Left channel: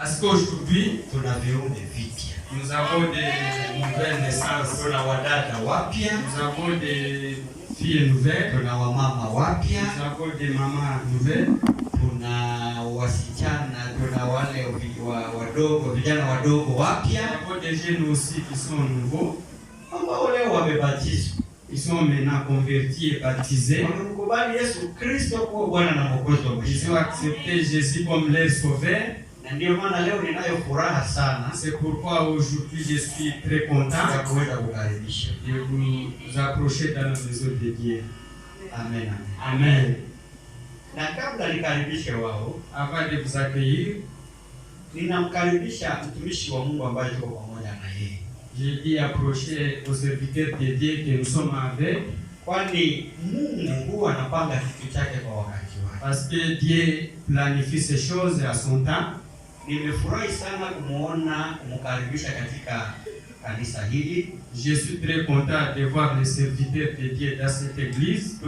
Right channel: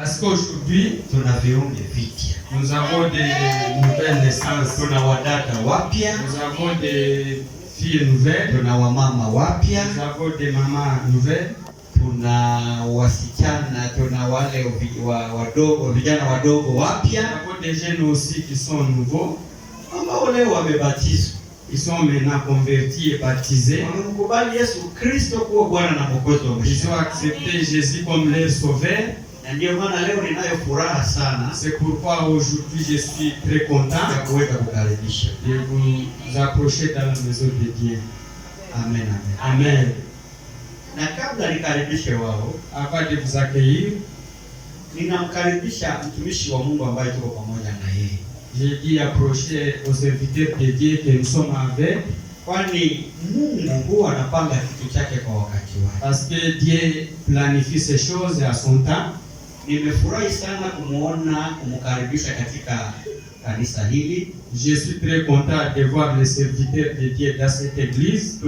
Parce qu'aujourd'hui, nous avons des nouvelles naissances. Nous avons des filles nouvelles. Nous avons des mamans nouvelles. Nous avons des jeunes aussi qui sont nouveaux. Ils sont maintenant convertis et baptisés. Ils ont accepté Jésus comme leur sauveur. C'est pourquoi aujourd'hui je suis très content de vous approcher dans la maison de Dieu. Amen. Amen. Avant de vous accueillir, j'ai dit approcher aux serviteurs de Dieu que nous sommes avec. Parce que Dieu planifie ces choses à son temps. Je suis très content de voir les serviteurs de Dieu dans cette église.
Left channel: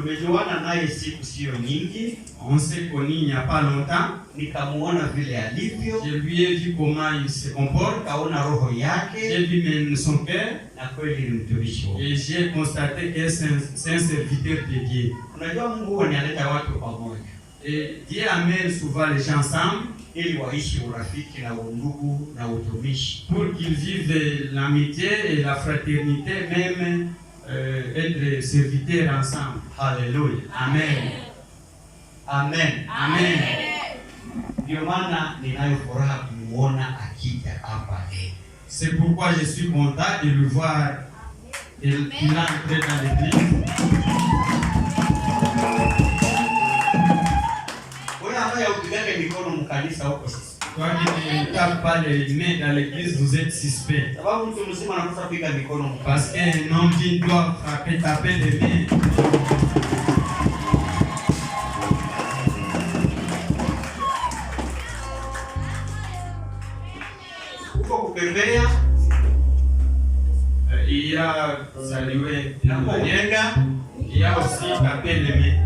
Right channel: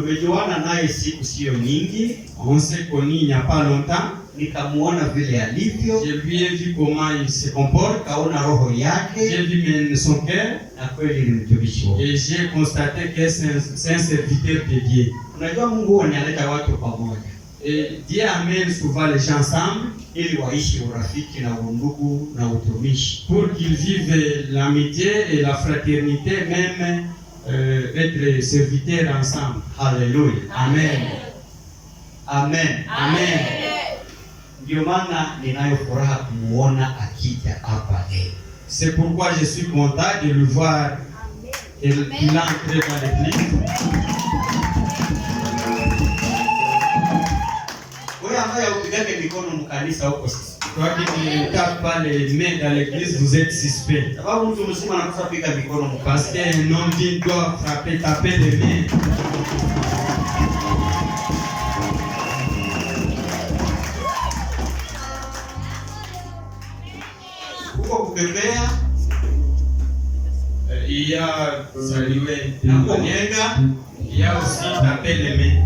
On s'est connus il n'y a pas longtemps. Je lui ai vu comment il se comporte. J'ai vu son cœur. Et j'ai constaté que c'est un serviteur de Dieu. Et Dieu amène souvent les gens ensemble pour qu'ils vivent l'amitié et la fraternité, même être serviteurs ensemble. Alléluia. Amen. Amen. Amen. C'est pourquoi je suis content de le voir qu'il est entré dans l'église. Toi qui ne tapes pas les mains dans l'église, vous êtes suspect. Parce qu'un homme digne doit taper les mains. Il y a salué, il y a aussi taper les mains.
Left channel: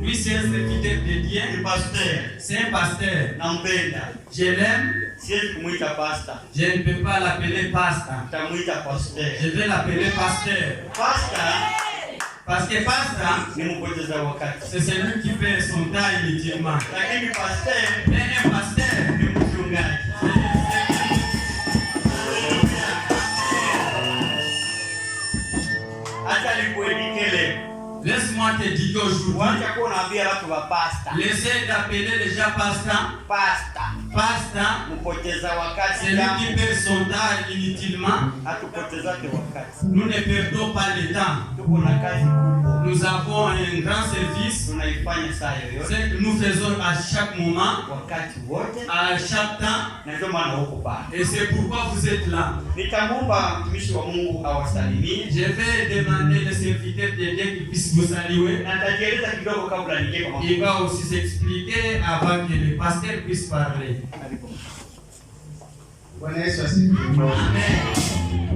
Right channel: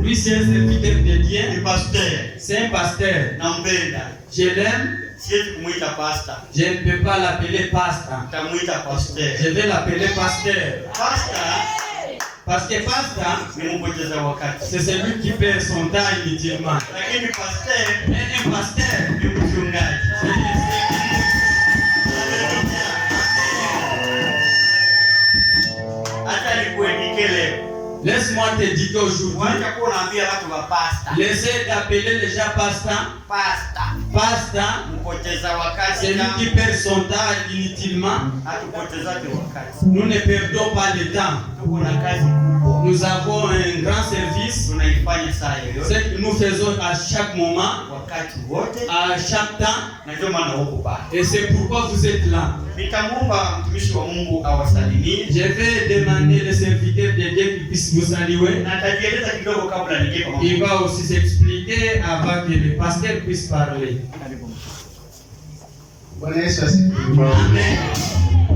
Lui, c'est un serviteur de Dieu. C'est un pasteur. Je l'aime. Je ne peux pas l'appeler pasteur. Je vais l'appeler pasteur. Parce que pasteur, c'est celui qui perd son temps inutilement. Mais un pasteur, laisse-moi te dire qu'aujourd'hui, laissez d'appeler les gens pasteur. Pasteur, c'est lui qui perd son temps inutilement. Nous ne perdons pas le temps. Nous avons un grand service. Ce que nous faisons à chaque moment, à chaque temps. Et c'est pourquoi vous êtes là. Je vais demander les serviteurs de Dieu qui puissent vous saluer. Il va aussi s'expliquer avant que le pasteur puisse parler. Bwana Yesu asifiwe. Amen.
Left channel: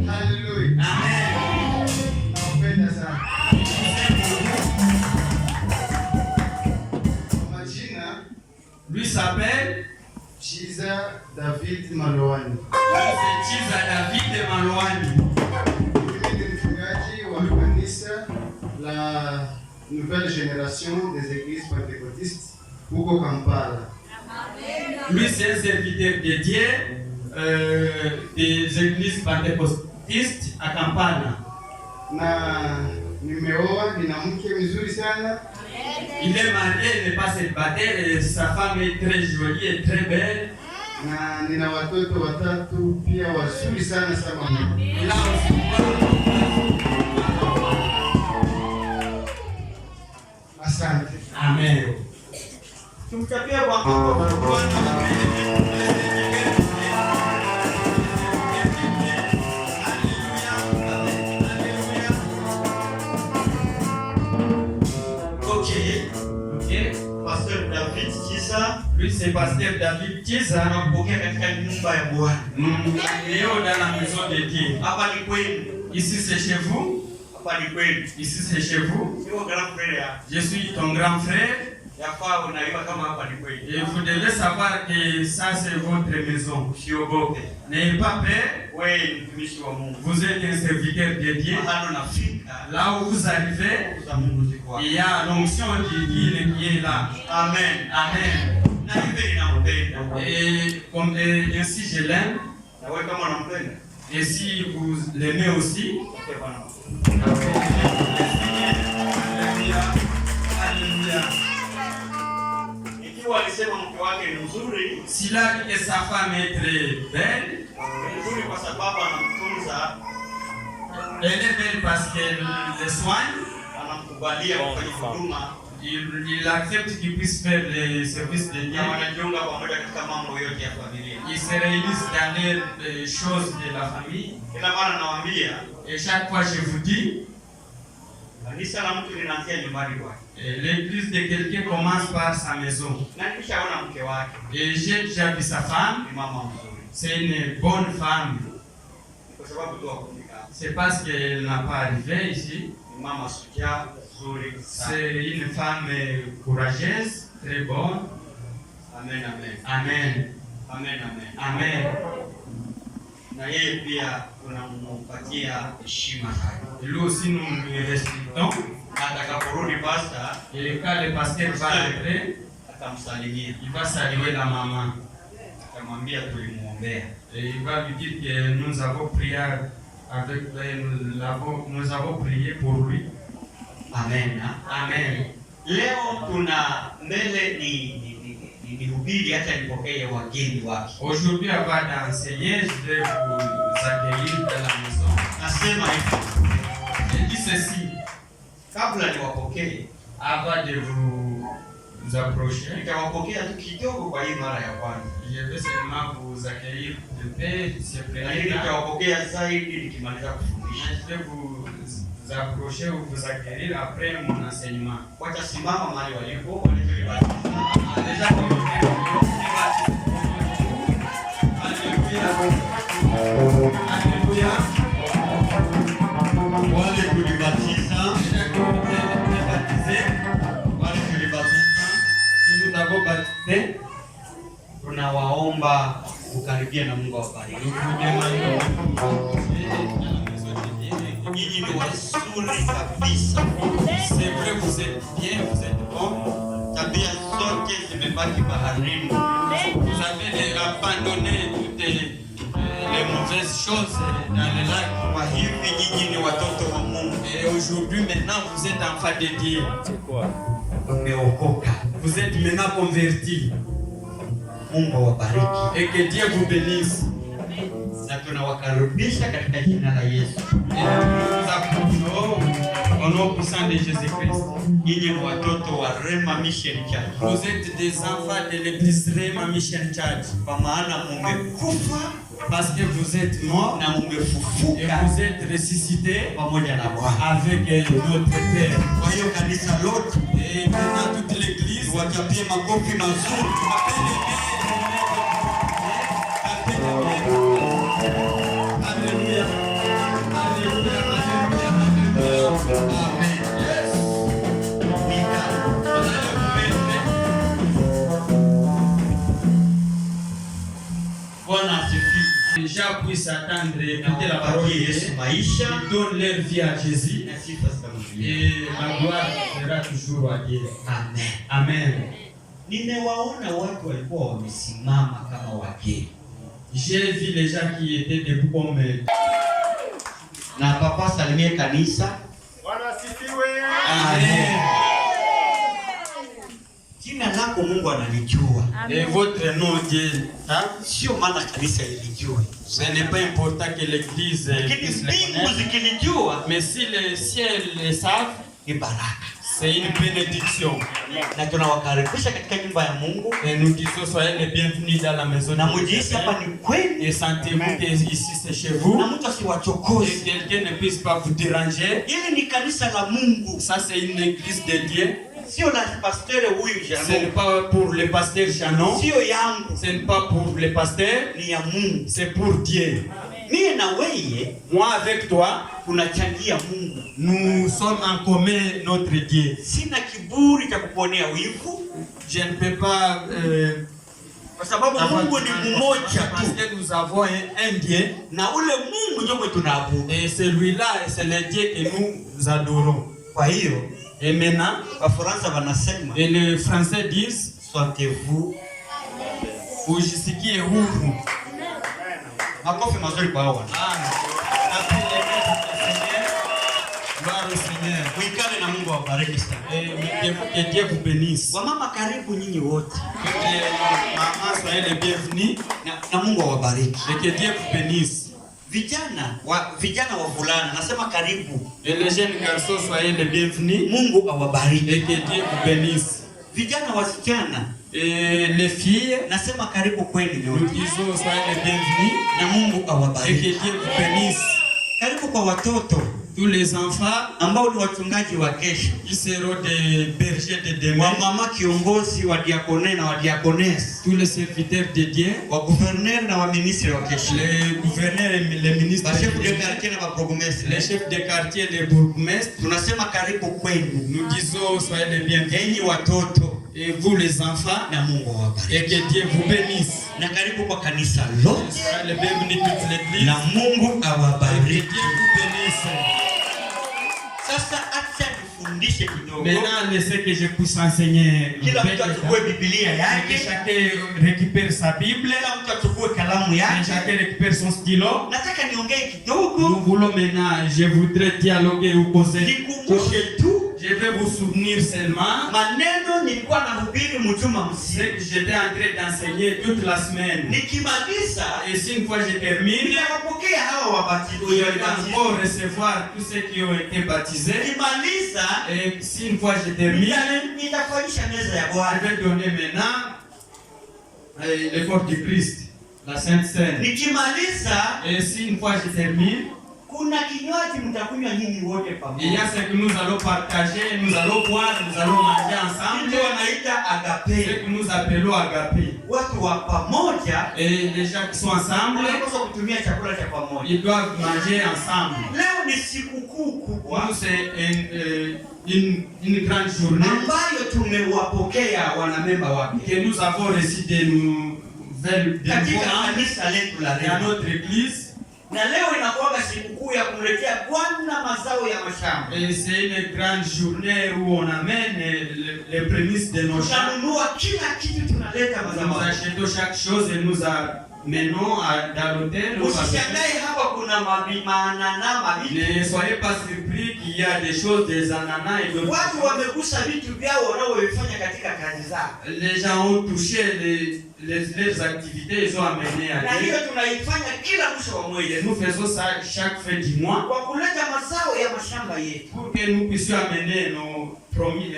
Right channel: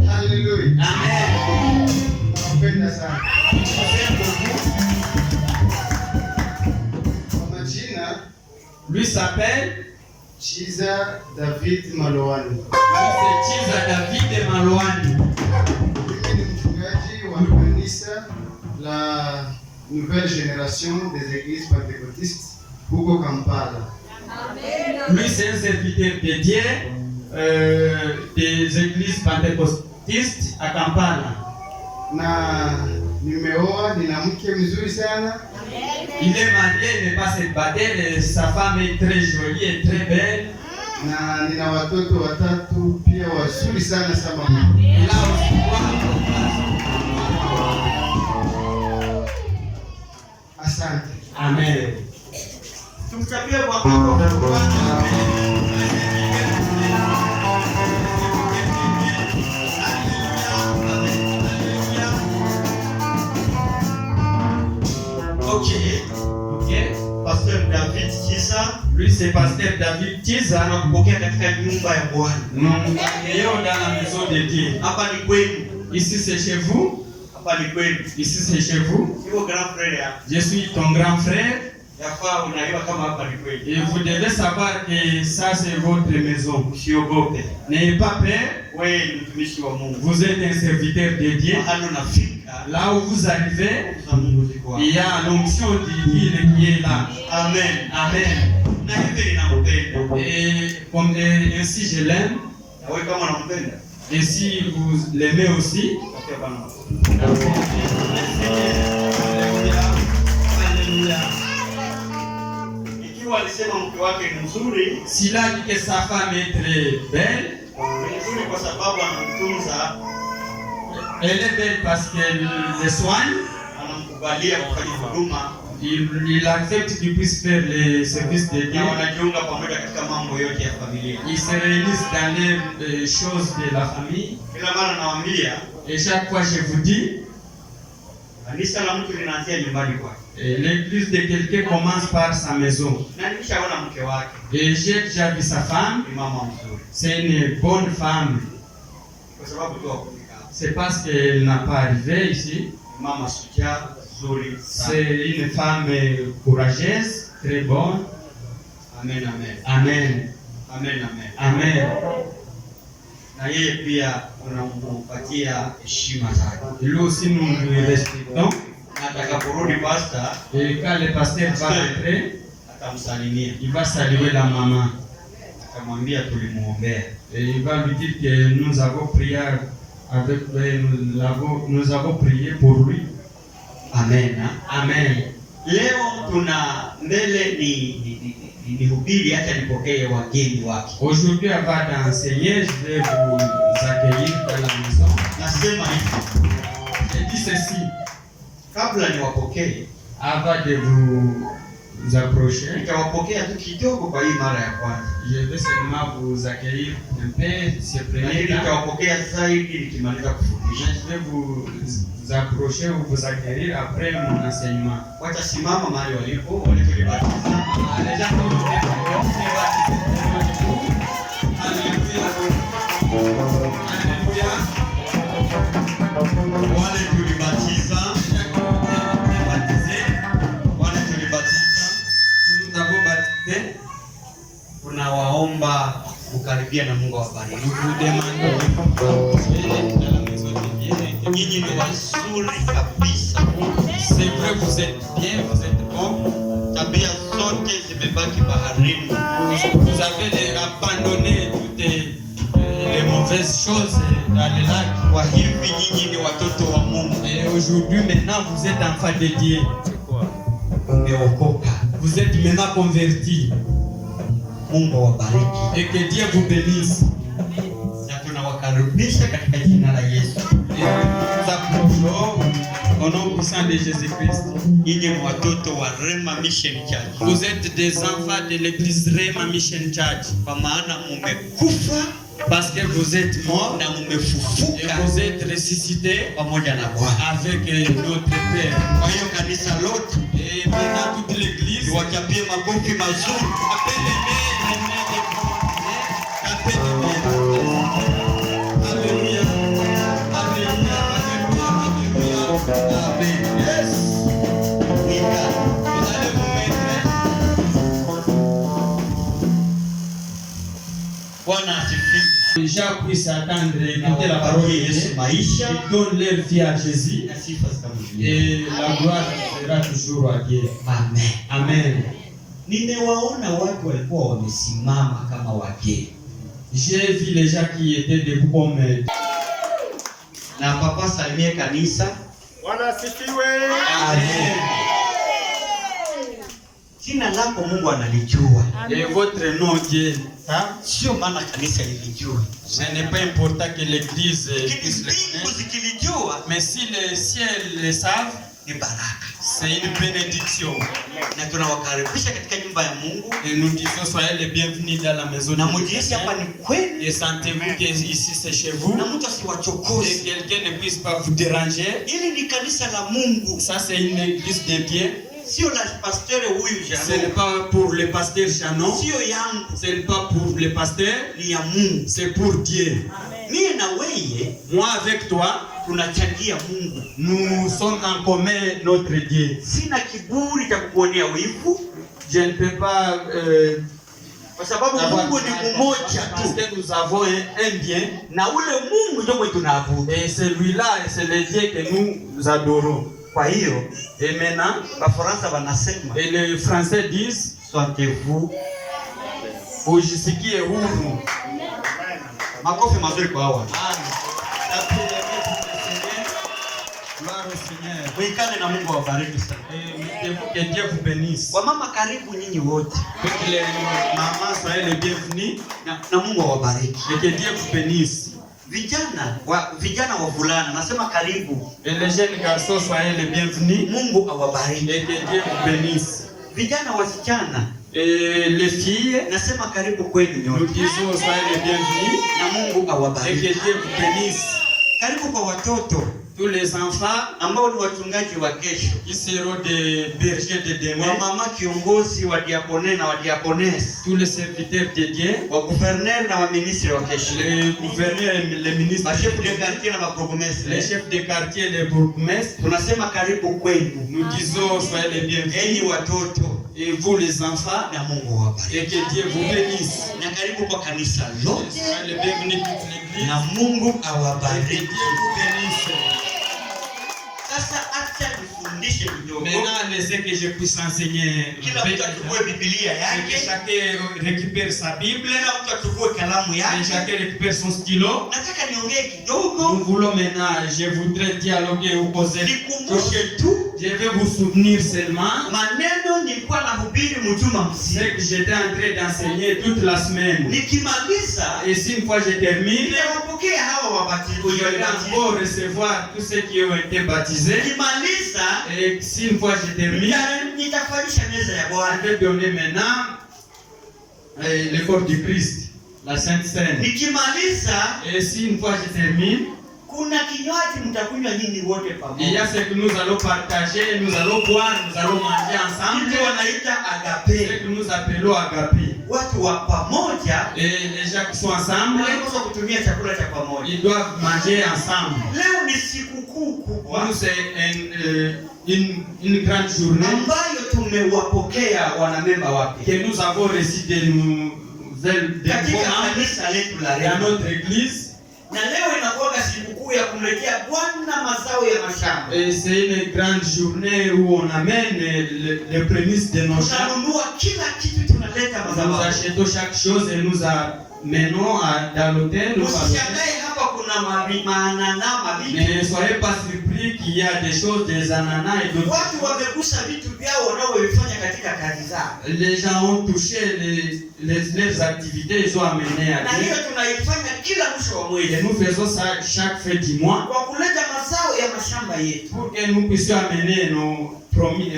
Hallelujah. Amen. Napenda sana. Kwa majina, lui s'appelle Chiza David Malowani. C'est Chiza David Malowani. Mimi ni mchungaji wa kanisa la Nouvelle Génération des Églises Pentecôtistes huko Kampala. Lui, c'est un serviteur de Dieu des églises pentecôtistes à Kampala. Na nimeoa, nina mke mzuri sana. Il est marié, il n'est pas célibataire, sa femme est très jolie et très belle. Na nina watoto watatu pia wazuri sana sama mama. Il a aussi Asante. Amen. Tumchapie kwa Bwana. Ok. Pasteur David Kiza. Lui c'est pasteur David Kiza. Tunakupokea katika nyumba ya Bwana. Leo dans la maison de Dieu. Hapa ni kwenu. Ici c'est chez vous. Hapa ni kwenu. Ici c'est chez vous. Sio grand frère. Je suis ton grand frère. Yafaa unaiwa kama hapa ni kwenu. Et vous devez savoir que ça c'est votre maison. Usiogope. N'ayez pas peur. Wewe ni mtumishi wa Mungu. Vous êtes un serviteur de Dieu. Mahali unafika. Là où vous arrivez, il y a l'onction divine qui est là. Amen. Amen. Na hivi ninampenda. Et comme ainsi je l'aime. Na wewe kama unampenda. Et si vous l'aimez aussi. Ikiwa alisema mke wake ni mzuri, s'il a dit que sa femme est très belle, ni mzuri kwa sababu anamtunza. Elle est belle parce qu'elle le soigne. Anamkubalia kufanya huduma. Il accepte qu'il puisse faire les services de Dieu. Na wanajiunga pamoja katika mambo yote ya familia. Ils se réunissent dans les choses de la famille. Kila mara nawaambia, et chaque fois je vous dis, kanisa la mtu linaanzia nyumbani kwake. L'église de quelqu'un commence par sa maison. Na nilishaona mke wake. Et j'ai déjà vu sa femme. Ni mama mzuri. C'est une bonne femme. Kwa sababu tu hakufika. C'est parce qu'elle n'a pas arrivé ici. Mama shujaa nzuri. C'est une femme courageuse, très bonne. Amen, amen. Amen. Amen, amen. Amen. Na yeye pia unampatia heshima zake. Lui aussi nous lui respectons. Atakaporudi pastor, et quand le pasteur va rentrer, atamsalimia. Il va saluer la maman. Atamwambia tulimuombea. Et il va lui dire que nous avons prié avec nous avons prié pour lui. Amen. Amen. Leo tuna mbele ni hubiri hata nipokee wageni wake. Aujourd'hui avant d'enseigner, je vais vous accueillir dans la maison. Nasema hivi. Je dis ceci. Kabla niwapokee, avant de vous approcher, nitawapokea tu kidogo kwa hii mara ya kwanza. Je vais seulement vous accueillir un peu, ce premier temps. Nitawapokea zaidi nikimaliza kufundisha. Je vais vous approcher ou vous accueillir après mon enseignement. Watasimama mahali walipo, walivyobatiza. Les gens vont me faire Alléluia. Wale tulibatiza, nous avons baptisé. Tunawaomba kukaribia na Mungu awabariki. Nous demandons dans la maison de Dieu. Nyinyi ni wazuri kabisa. C'est vrai, vous êtes bien, vous êtes bon. Tabia zote zimebaki baharini. Vous avez abandonné toutes les mauvaises choses dans le lac. Kwa hivi nyinyi ni watoto wa Mungu. Et aujourd'hui, maintenant, vous êtes enfants de Dieu. C'est quoi? Mmeokoka. Vous êtes maintenant convertis. Mungu awabariki. Et que Dieu vous bénisse. Na tunawakaribisha katika jina la Yesu. Et nous approchons au nom puissant de Jésus-Christ. Nyinyi ni watoto wa Rema Mission Church. Vous êtes des enfants de l'église Rema Mission Church. Kwa maana mmekufa parce que vous êtes morts na mmefufuka et vous êtes ressuscités pamoja na Bwana. Avec notre Père. Kwa hiyo kanisa lote et maintenant toute l'église wachapie makofi mazuri. Alléluia. Alléluia. Alléluia. Amen. Yes. Bwana asifiwe. Les gens puissent attendre écouter la parole de Dieu. Ils donnent leur vie à Jésus. Et la gloire sera toujours à Dieu. Amen. Amen. Nimewaona watu walikuwa wamesimama kama wageni. J'ai vu les gens qui étaient debout comme na papa salimie kanisa. Bwana asifiwe. Amen. Jina lako Mungu analijua. Et votre nom Dieu. Sio maana kanisa lilijue. Ce n'est pas important que l'église puisse le connaître. Mais si les ciels le savent, ni baraka. C'est une bénédiction. Na tunawakaribisha katika nyumba ya Mungu. Et nous disons soyez les bienvenus dans la maison de Dieu. Et sentez-vous que ici c'est chez vous. Et quelqu'un ne puisse pas vous déranger. Ili ni kanisa la Mungu. Ça c'est une église de Dieu. Sio la pasteur huyu Janon. Ce n'est pas pour le pasteur Janon. Sio yangu. Ce n'est pas pour le pasteur. Ni ya Mungu. C'est pour Dieu. Mie na wewe, moi avec toi, tunachangia Mungu. Nous sommes en commun notre Dieu. Sina kiburi cha kukuonea wivu. Je ne peux pas kwa sababu Mungu ni mmoja tu. Parce que nous avons un bien. Na ule Mungu ndio tunaabudu. Et celui-là, c'est le Dieu que nous adorons. Kwa hiyo, et maintenant, Wafaransa wanasema, et les Français disent, sentez-vous ujisikie huru. Makofi mazuri kwa hawa. Gloire au Seigneur. Mwikale na Mungu awabariki sana. Que Dieu vous bénisse. Wamama karibu nyinyi wote. Que les mamans soient les bienvenus. Na Mungu awabariki. Et que Dieu vous bénisse. Vijana wavulana nasema karibu. Et les jeunes garçons soient les bienvenus. Mungu awabariki. Et que Dieu vous bénisse. Vijana wasichana. Et les filles, nasema karibu kwenu nyote. Nous disons soyez les bienvenus. Na Mungu awabariki. Et que Dieu vous bénisse. Karibu kwa watoto. Tous les enfants ambao ni wachungaji wa kesho, qui seront des bergers de demain, wa mama kiongozi wa diakone na wa diakonesse, tous les serviteurs de Dieu, wa gouverneur na wa ministre wa kesho, les gouverneurs et les ministres, les chefs de quartier na wa bourgmestre, les chefs de quartier, les bourgmestres. Tunasema karibu kwenu. Nous disons soyez les bienvenus. Enyi watoto, et vous les enfants, na Mungu awabariki. Et que Dieu vous bénisse. Na karibu kwa kanisa lote. Soyez les bienvenus toute l'église. Na Mungu awabariki. Et que Dieu vous bénisse. Sasa acha nifundishe kidogo. Maintenant, laissez que je puisse enseigner. Kila mtu achukue Biblia yake. Que chacun récupère sa Bible. Kila mtu achukue kalamu yake. Que chacun récupère son stylo. Nataka niongee kidogo. Nous voulons maintenant, je voudrais dialoguer ou causer. Nikumbushe tu. Je vais vous souvenir seulement. Maneno nilikuwa nahubiri mjuma mzima. C'est que j'étais en train d'enseigner toute la semaine. Nikimaliza, et si une fois je termine, ninawapokea hawa wabatizwa. Je vais encore recevoir tous ceux qui ont été baptisés. Nikimaliza, et si une fois je termine, nitafanyisha meza ya Bwana. Je vais donner maintenant le corps du Christ, la Sainte Seine. Nikimaliza, et si une fois je termine, kuna kinywaji mtakunywa nyinyi wote pamoja. Il y a ce que nous allons partager, nous allons boire, nous allons manger ensemble. Ndio wanaita agape. Ce que nous appelons agape. Watu wa pamoja, et les gens qui sont ensemble, wanapaswa kutumia chakula cha pamoja. Ils doivent manger ensemble. Leo ni sikukuu kubwa. C'est une grande journée ambayo tumewapokea wanamemba wake. Que nous avons reçu de nouvelles à notre église. Na leo inakuwa sikukuu ya kumletea Bwana mazao ya mashamba. Et c'est une grande journée où on amène les prémices de nos champs. Tunanunua kila kitu, tunaleta mazao. Nous achetons chaque chose et nous amenons dans l'hôtel. Usishangae hapa kuna maanana mabichi. Ne soyez pas surpris qu'il y a des choses, des ananas et d'autres. Watu wamegusa vitu vyao wanaoifanya katika kazi zao. Les gens ont touché leurs activités, ils ont amené à na hiyo tunaifanya kila mwisho wa mwezi. Et nous faisons ça chaque fin du mois. Kwa kuleta mazao ya mashamba yetu. Pour que nous puissions amener nos promis.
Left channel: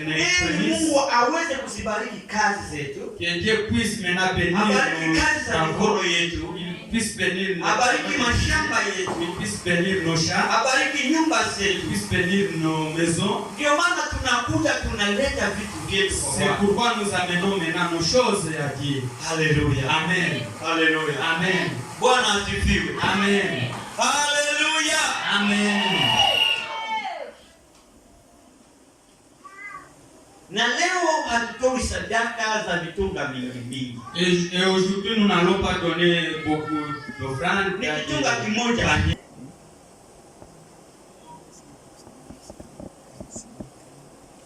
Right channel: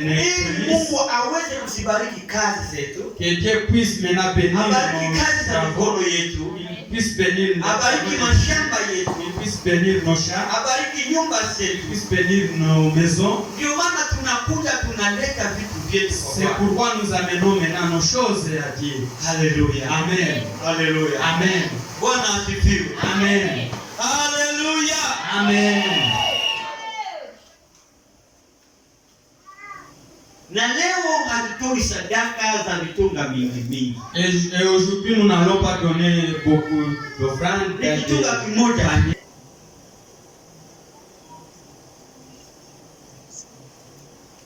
Mungu aweze kuzibariki kazi zetu. Que Dieu puisse maintenant bénir nos travaux yetu. Il puisse bénir abariki mashamba yetu. Il puisse bénir nos champs. Abariki nyumba zetu. Il puisse bénir nos maisons. Ndio maana tunakuja tunaleta vitu vyetu. C'est pourquoi nous amenons maintenant nos choses à Dieu. Alléluia. Amen. Alléluia. Amen. Bwana asifiwe. Amen. Alléluia. Amen. Na leo hatutoi sadaka za vitunga mingi. Et aujourd'hui nous n'allons pas donner beaucoup d'offrandes. Kitunga kimoja.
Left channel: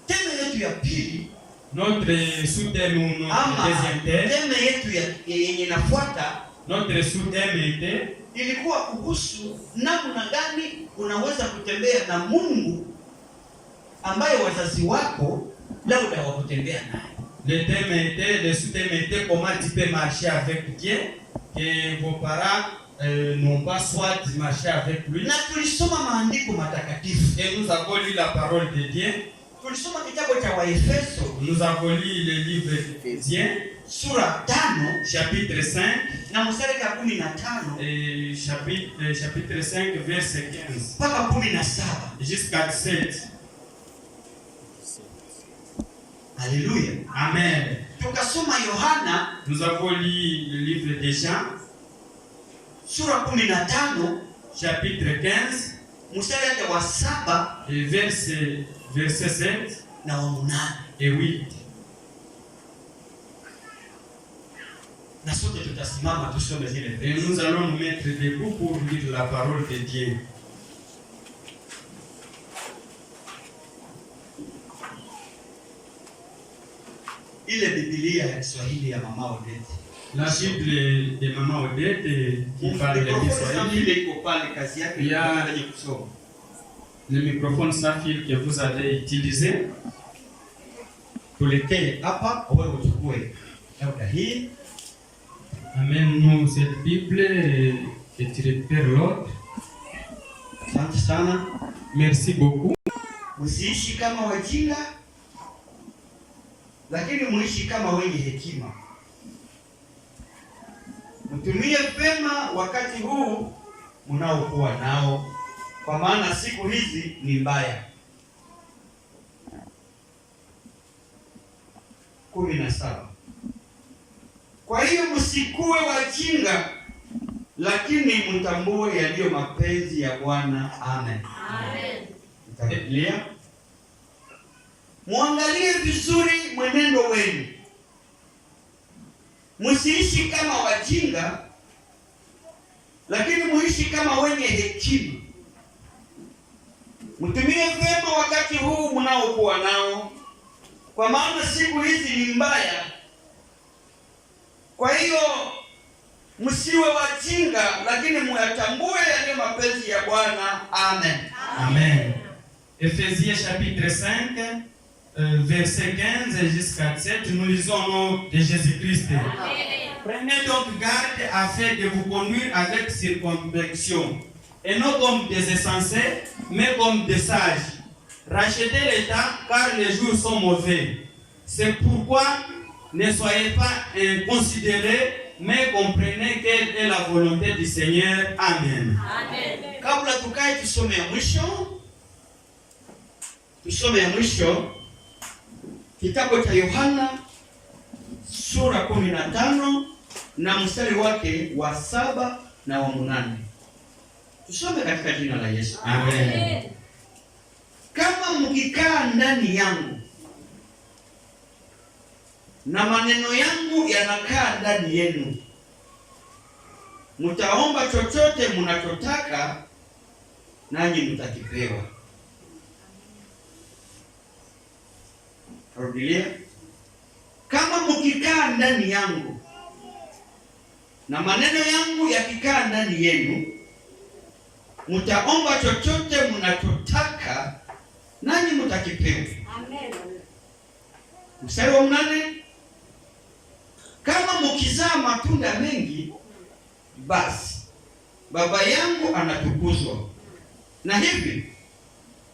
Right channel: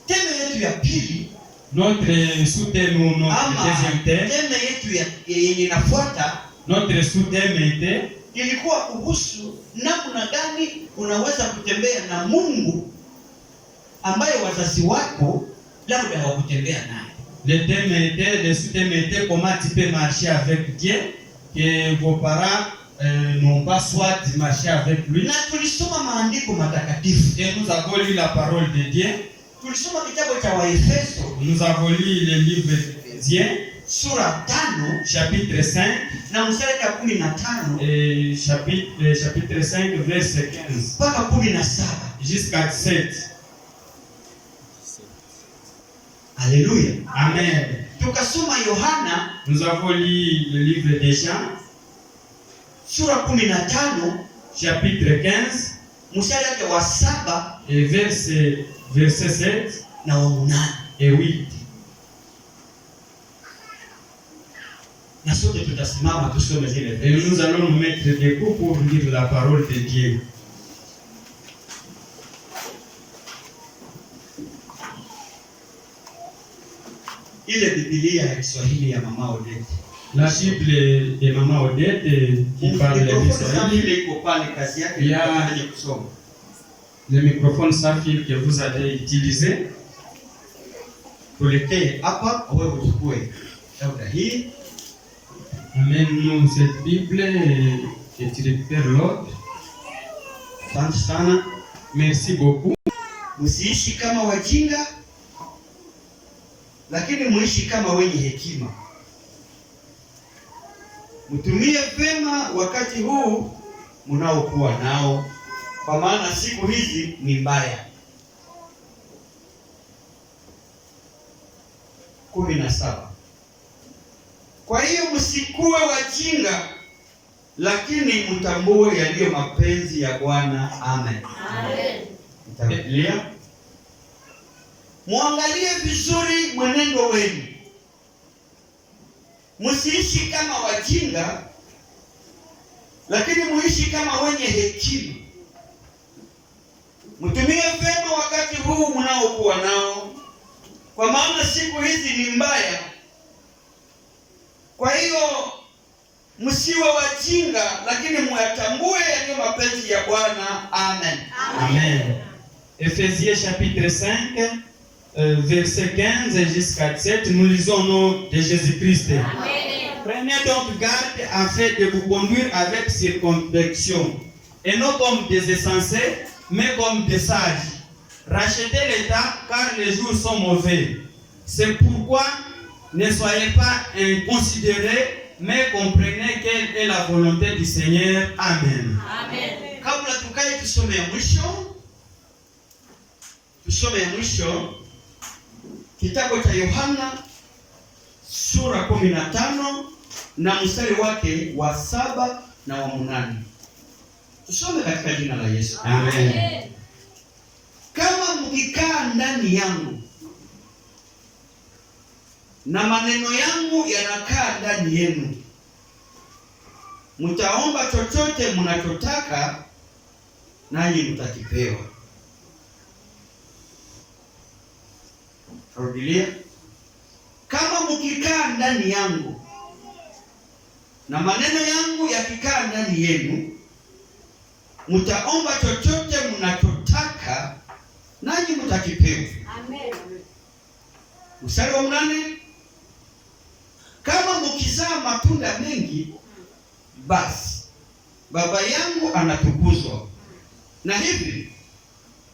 Teme yetu ya pili, notre sous-thème ou notre deuxième thème. Teme yetu yenye inafuata, notre sous-thème était ilikuwa kuhusu namna gani unaweza kutembea na Mungu ambaye wazazi wako labda hawakutembea naye. Le sous-thème était comment tu peux marcher avec Dieu que vos parents n'ont pas soit marché avec lui. Na tulisoma maandiko matakatifu. Et nous avons lu la parole de Dieu. Tulisoma kitabu cha Waefeso. Nous avons lu le livre d'Éphésiens. Sura 5 chapitre 5 na mstari wa 15 et chapitre 5 verset 15 mpaka 17 jusqu'à 17. Alléluia. Amen. Tukasoma Yohana, Nous avons lu le livre des Jean, sura 15, chapitre 15, mstari wake wa 7 et verset 7 na wa 8. et 8. Na sote tutasimama tusome zile Et verse. nous allons nous mettre debout pour lire la parole de Dieu. Ile Biblia ya Kiswahili ya Mama Odette. La Bible de Maman Odette qui parle le Kiswahili. Ile iko pale, kazi yake Ya. ni kusoma. Le microphone sans fil que vous avez utilisé. Tuletee hapa wewe uchukue. Labda hii Amène-nous cette Bible et tu récupères l'autre. asante sana. Merci beaucoup. Msiishi kama wajinga, lakini muishi kama wenye hekima. Mtumie vema wakati huu mnaokuwa nao, kwa maana siku hizi ni mbaya. 17. Kwa hiyo msikuwe wajinga, lakini mtambue yaliyo mapenzi ya Bwana. Amen. Amen. Biblia. Muangalie vizuri mwenendo wenu. Msiishi kama wajinga, lakini muishi kama wenye hekima. Mtumie vema wakati huu mnaokuwa nao, kwa maana siku hizi ni mbaya. Kwa hiyo msiwe wajinga, lakini muyatambue yaliyo mapenzi ya Bwana. Amen. Amen. Ephésiens chapitre 5, verset 15 jusqu'à 17, nous lisons au nom de Jésus-Christ. Prenez donc garde afin de vous conduire avec circonspection, et non comme des insensés, mais comme des sages. Rachetez les temps, car les jours sont mauvais. C'est pourquoi ne soyez pas inconsidérés, mais comprenez quelle est la volonté du Seigneur. Amen. Amen. Kabla tukae tusome ya mwisho. Tusome ya mwisho kitabu cha Yohana sura 15 na mstari wake wa 7 na wa 8. Tusome katika jina la Yesu. Amen. Kama mkikaa ndani yangu na maneno yangu yanakaa ndani yenu, mtaomba chochote mnachotaka, nanyi mtakipewa. Rudilia. Kama mkikaa ndani yangu na maneno yangu yakikaa ndani yenu, mtaomba chochote mnachotaka, nanyi mtakipewa. Amen. Mstari wa 8. Kama mkizaa matunda mengi, basi Baba yangu anatukuzwa, na hivi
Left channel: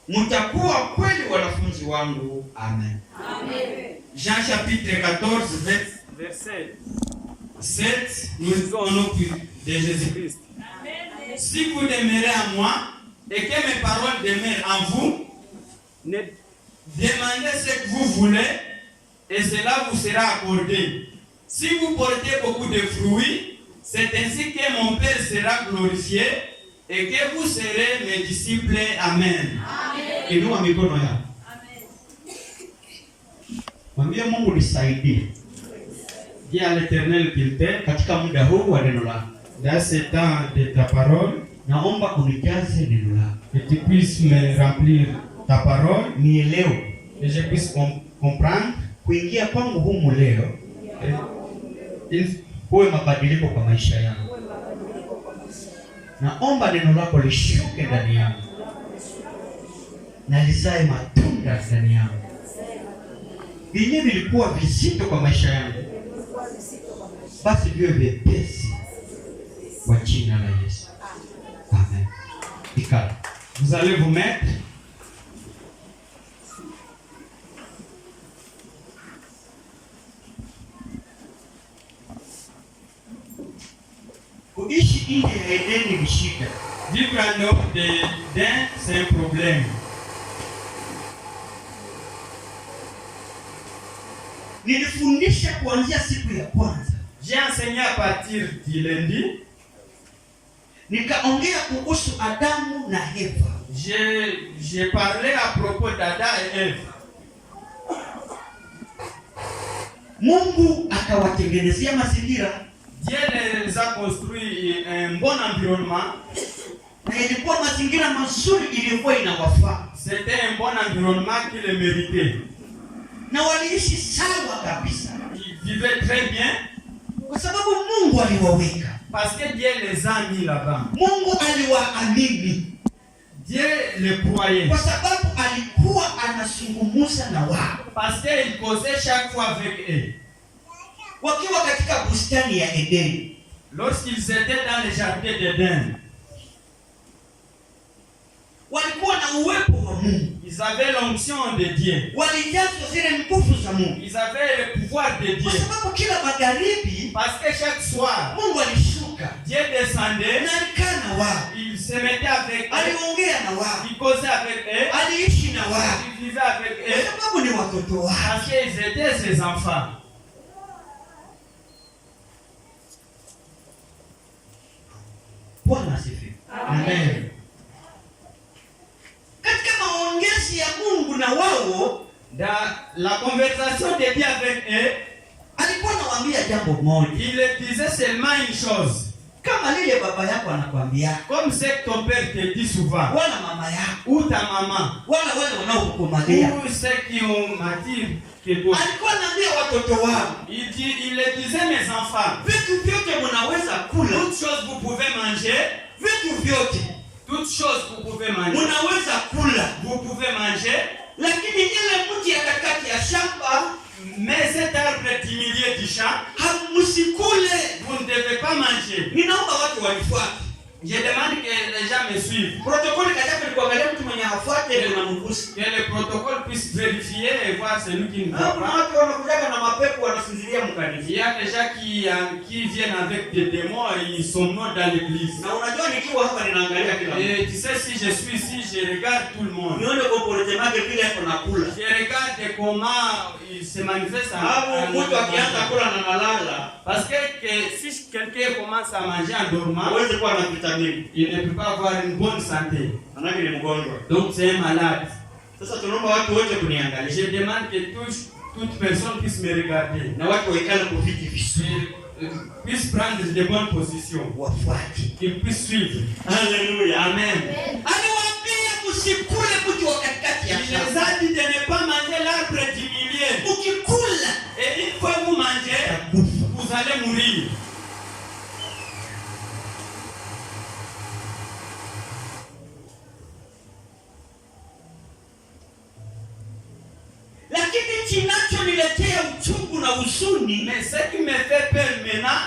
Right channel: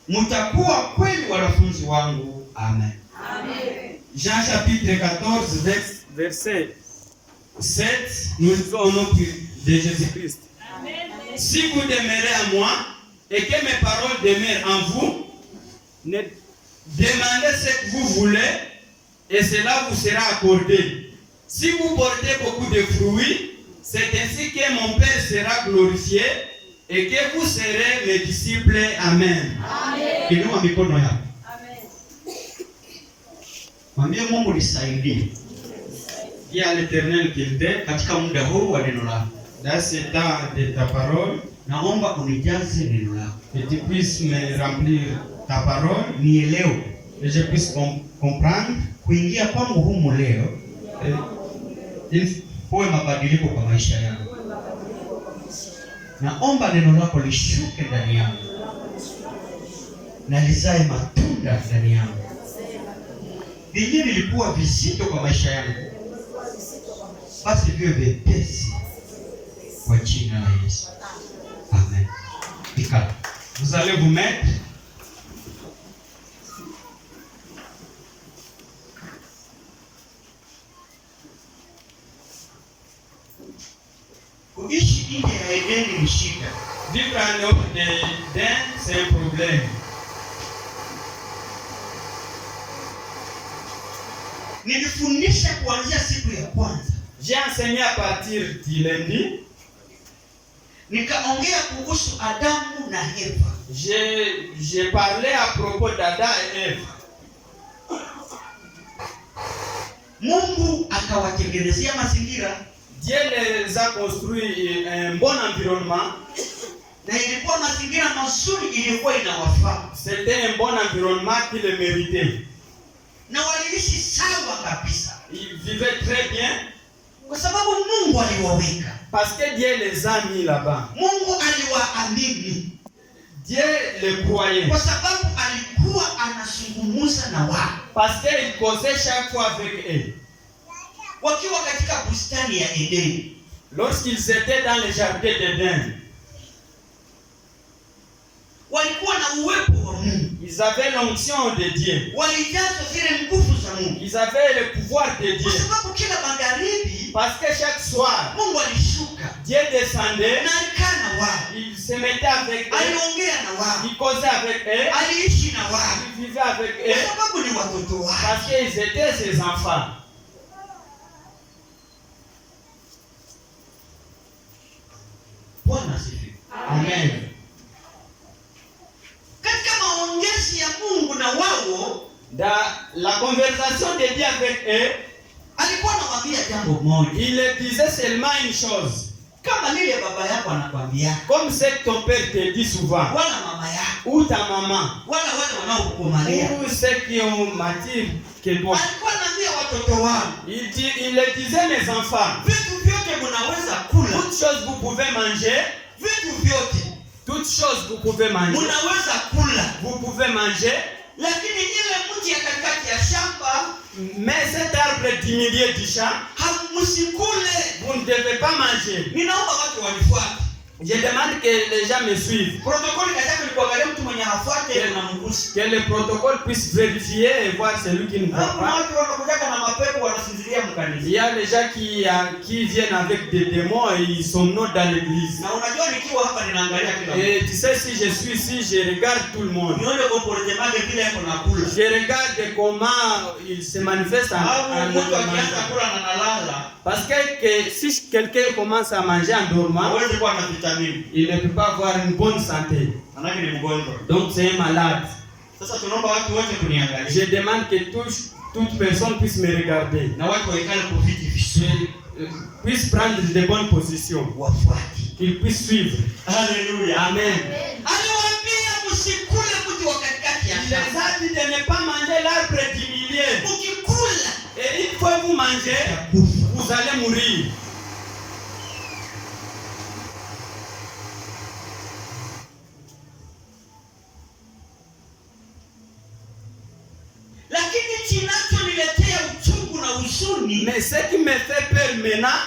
mtakuwa kweli wanafunzi wangu. Amen. Amen. Jean chapitre 14, verset 7, nous lisons au nom de Jésus-Christ. Amen. Si vous demeurez à moi et que mes paroles demeurent en vous, ne demandez ce que vous voulez et cela vous sera accordé. Si vous portez beaucoup de fruits, c'est ainsi que mon Père sera glorifié et que vous serez mes disciples. Amen. Amen. Inua mikono yako. Amen. Mwambie Mungu nisaidie Dis à l'Éternel qu'il t'aide katika muda huu wa neno lako. dans ce temps de ta parole, Naomba unijaze neno lako, que tu puisses me remplir ta parole, nielewe que je puisse comprendre. kuingia kwangu humu leo Il kuwe mabadiliko kwa maisha yangu. Naomba neno lako lishuke ndani yangu na lizae matunda ndani yangu. Vyenyewe vilikuwa vizito kwa maisha yangu, basi viwe vyepesi kwa jina la Yesu. Amen. Ikala. Vous allez vous mettre. Kuishi nje ya Edeni ni shida. Vivre en dehors d'Éden, c'est un problème. Nilifundisha kuanzia siku ya kwanza. J'ai enseigné à partir du lundi. Nikaongea kuhusu Adamu na Eva. J'ai parlé à propos d'Adam et Ève. Mungu akawatengenezea mazingira. Dieu les a construit un bon environnement. Na ilikuwa mazingira mazuri iliyokuwa inawafaa. C'était un bon environnement qui les méritait. Na waliishi sawa kabisa. Ils vivaient très bien. Kwa sababu Mungu aliwaweka. Parce que Dieu les a mis là-bas. Mungu aliwaamini. Dieu les croyait. Kwa sababu alikuwa anazungumza na wao. Parce qu'il causait chaque fois avec eux. Wakiwa katika bustani ya Edeni. Lorsqu'ils étaient dans le jardin d'Éden. Walikuwa na uwepo wa Mungu. Ils avaient l'onction de Dieu. Walijazwa zile nguvu za Mungu. Ils avaient le pouvoir de Dieu. Kwa sababu kila magharibi, parce que chaque soir, Mungu alishuka. Dieu descendait. Na alikaa na wao. Il se mettait avec eux. Aliongea na wao. Il causait avec eux. Aliishi na wao. Il vivait avec eux. Kwa sababu ni watoto wao. Parce qu'ils étaient ses enfants. Bwana asifiwe. Amen. Katika maongezi ya Mungu na wao, dans la conversation de Dieu avec eux, alikuwa anawaambia jambo moja. Il disait seulement une chose. Kama lile baba yako anakuambia. Comme ce que ton père te dit souvent. Wala mama yako. Ou ta maman. Wala wale wanaokukomalia. Ou ceux qui ont mati quelque chose. Alikuwa anaambia watoto wao. Il le disait mes enfants. Vitu vyote mnaweza kula. Toutes choses vous pouvez manger. Vitu vyote. Toutes choses vous pouvez manger. Mnaweza kula. Vous pouvez manger. Lakini ile mti ya katikati ya shamba, mais cet arbre du milieu du champ, hamsikule. Vous ne devez pas manger. Ninaomba watu wanifuate. Je demande que les gens me suivent. Protokoli katika ni kuangalia mtu mwenye hafuate unamgusa. Que le protocole puisse vérifier et voir celui qui ne voit pas. Kuna watu wanakuja na mapepo wanasinzilia mkanisa. Il y a des gens qui viennent avec des démons et ils somnolent dans l'église. Na unajua nikiwa hapa ninaangalia kila mtu. Et tu sais, si je suis ici, je regarde tout le monde. Nione comportement vile yako nakula. Je regarde comment il se manifeste en mtu akianza kula na nalala. Parce que si quelqu'un commence à manger en dormant, hawezi kuwa na vitamini. Il ne peut pas avoir une bonne santé. Manake ni mgonjwa. Donc c'est un malade. Sasa tunaomba watu wote kuniangalia. Je demande que toute personne puisse me regarder. Na watu waikale kwa viti vizuri. Puisse prendre de bonnes positions. Wafuate. Qu'ils puissent suivre. Alléluia. Amen. Aliwaambia msikule mti wa katikati ya shamba. Il les a dit de ne pas manger l'arbre du milieu. Ukikula, et une fois vous mangez, vous allez mourir. Lakini kinachoniletea uchungu na huzuni, mais ce qui me fait peur maintenant,